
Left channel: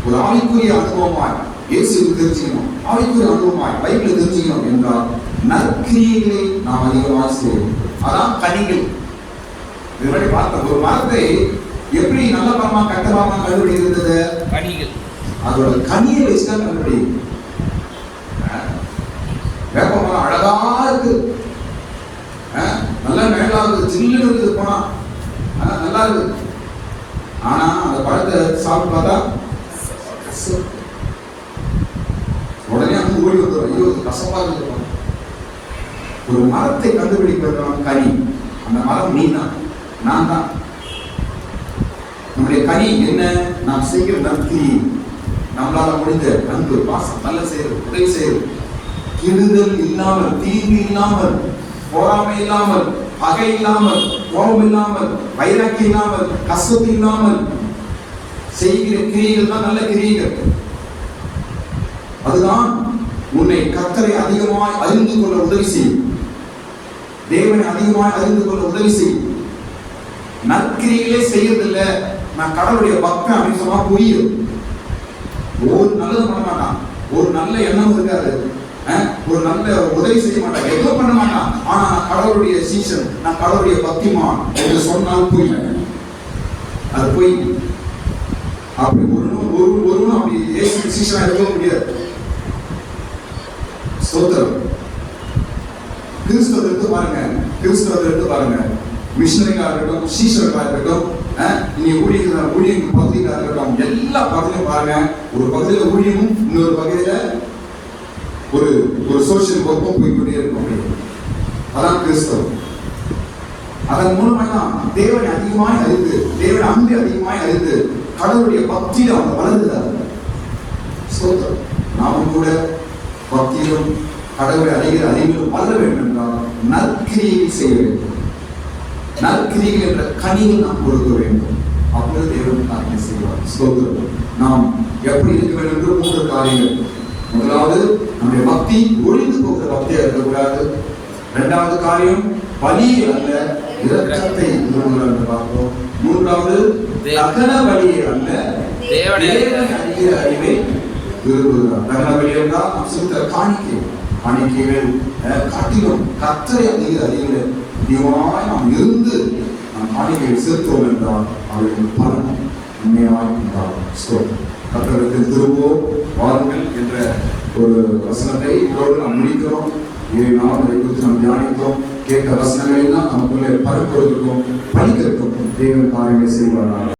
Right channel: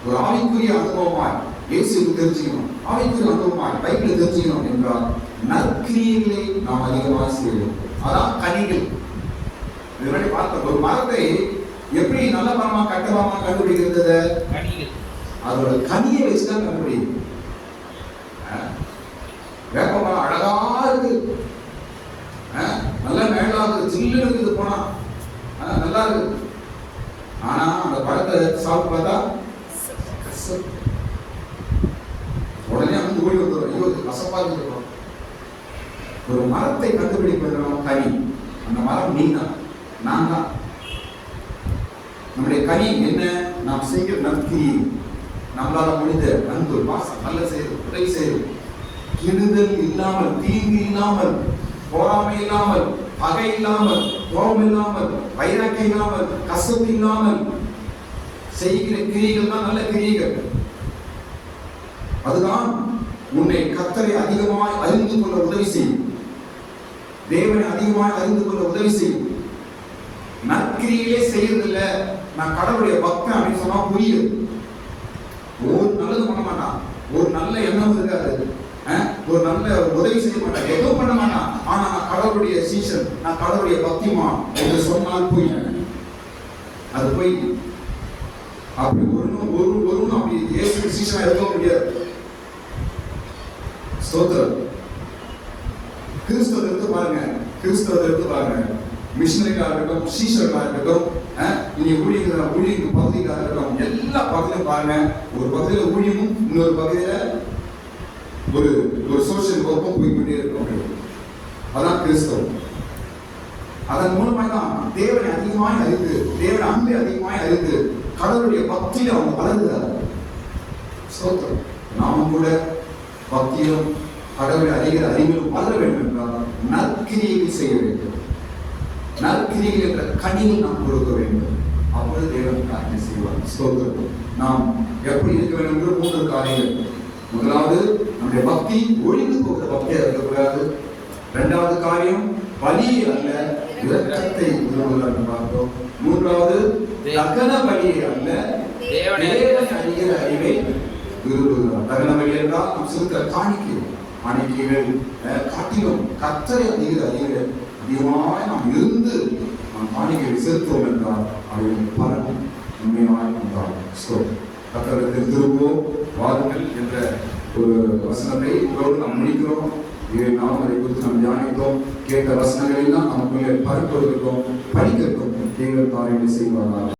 ஒரு ஆவிக்குரிய அனுபவமாய் இயேசுவுக்கு தெரிஞ்சுக்கணும், ஆவிக்குரிய அனுபவமாய் பைபிளை தெரிஞ்சுக்கணும் என்றால் நற்கிரியைகளை நாம் அதிகமாக செய்யணும். அதான் கனிகள். இதனுடைய பார்த்த ஒரு மரத்தை எப்படி நல்ல மரமா கட்ட மரமா கண்டுபிடிக்கிறது? கனிகள். அதோட கனியை வச்சுதான் கண்டுபிடிக்கும். வேப்ப மரம் அழகா இருக்கு, நல்லா மேலாகுது, சில்லுன்னு இருக்குது, போனா நல்லா இருக்கு. ஆனா அந்த பழத்தை சாப்பிட்டு பார்த்தா உடனே அங்க ஓடி வந்துடும், ஐயோ இது கசப்பா இருக்கு. ஒரு மரத்தை கண்டுபிடிக்கிறவன் கனி. அந்த மரம் நீ தான், நான் தான். நம்முடைய கனி என்ன? நாம் செய்கிற நற்கிரி, நம்மளால முடிந்த அன்பு, பாசம், நல்ல செய்வது, உதவி செய்வது, கெடுதல் இல்லாமல், தீங்கு இல்லாமல், பொறாமை இல்லாமல், பகை இல்லாமல், கோபம் இல்லாமல், வைராக்கியம் இல்லாமல், கசப்பு இல்லாமல் செய்கிற கிரியைகள் தான் நல்ல கிரியைகள். அதுதான் உன்னை கர்த்தரை அதிகமாய் அறிந்து கொள்ள உதவி செய்யும், தேவனை அதிகமாய் அறிந்து கொள்ள உதவி செய்யும். நற்கிரியிலே செய்யறதில்ல, நான் கடவுளுடைய பக்தன் அப்படின்னு சொன்னா புரியுது. ஒரு நல்லது பண்ண மாட்டான், ஒரு நல்ல எண்ணம் இருக்காது, ஒரு நல்ல உதவி செய்ய மாட்டான், எதுவும் பண்ண மாட்டான். ஆனா நான் கடவுளுடைய சீசன், நான் கடவுளுடைய பக்திமான் என்று சொன்னால் பொய். அது பொய். அப்படி ஒருவனும் அப்படி இயேசு சீசனா இருக்க முடியாது. ஸ்தோத்திரம். கிறிஸ்தவத்தை எடுத்து பாருங்க, கிறிஸ்தவத்தை எடுத்து பாருங்க, மிஷனரிகளாக இருக்கட்டும், சீஷர்களாக இருக்கட்டும், நீங்க ஊழியர்கள் பகுதிகளாக இருக்கட்டும், எல்லா பகுதியிலும் பாருங்க. ஒரு பகுதியில் ஊழியமும் இன்னொரு பகுதியில ஒரு சோசியல் ஒர்க்கும் போய்கொண்டே இருக்கும். அதான் கிறிஸ்தவம். அதன் மூலமாக தான் தேவனை அதிகமாய் அறிந்து, தேவனை அன்பை அதிகமாய் அறிந்து, கடவுளுடைய பக்தியில அவங்க வளர்கிறார். ஸ்தோத்திரம். நாமும் கூட பக்தியிலும் கடவுளை அறிகிற அறிவிலும் வளர வேண்டும் என்றால் நற்கிரியை செய்ய வேண்டும். நற்கிரியை என்ற கனியில் நாம் கொடுக்க வேண்டும். அப்பொழுது தேவன் காரியம் செய்வார். ஸ்தோத்திரம். நாம் எப்படி இருக்க வேண்டும் என்று 3 காரியங்கள். முதலாவது, நம்முடைய பக்தி ஒழிந்து போகிற பக்தியாக இருக்கக்கூடாது. 2வது காரியம், பலியை அல்ல இரக்கத்தை விரும்புகிறார் என்று பார்த்தோம். 3வது, தகன பலியை அல்ல தேவனை அறிகிற அறிவை விரும்புகிறார். தகன பலி என்றால் நாம் செலுத்த காணிக்கைகள் காட்டிலும் கர்த்தரை அறிகிற அறிவில அதிகமாய் நாம் இருந்து நாம் காணிக்கையை செலுத்துவோம் என்றால் அவர்கள் பலன் உண்மையாய் உண்டாகும். கர்த்தரிடத்தில் திரும்புவோம் வாருங்கள் என்ற ஒரு வசனத்தை இதோடு நாம் முடிக்கிறோம். 7 நாள் அதை குறித்து நாம் தியானித்தோம். கேட்ட வசனங்கள் எல்லாம் நமக்குள்ளே பரப்படுகிறோம், படிக்கிறோம். தேவன் காரியங்களை செய்வார்கள்.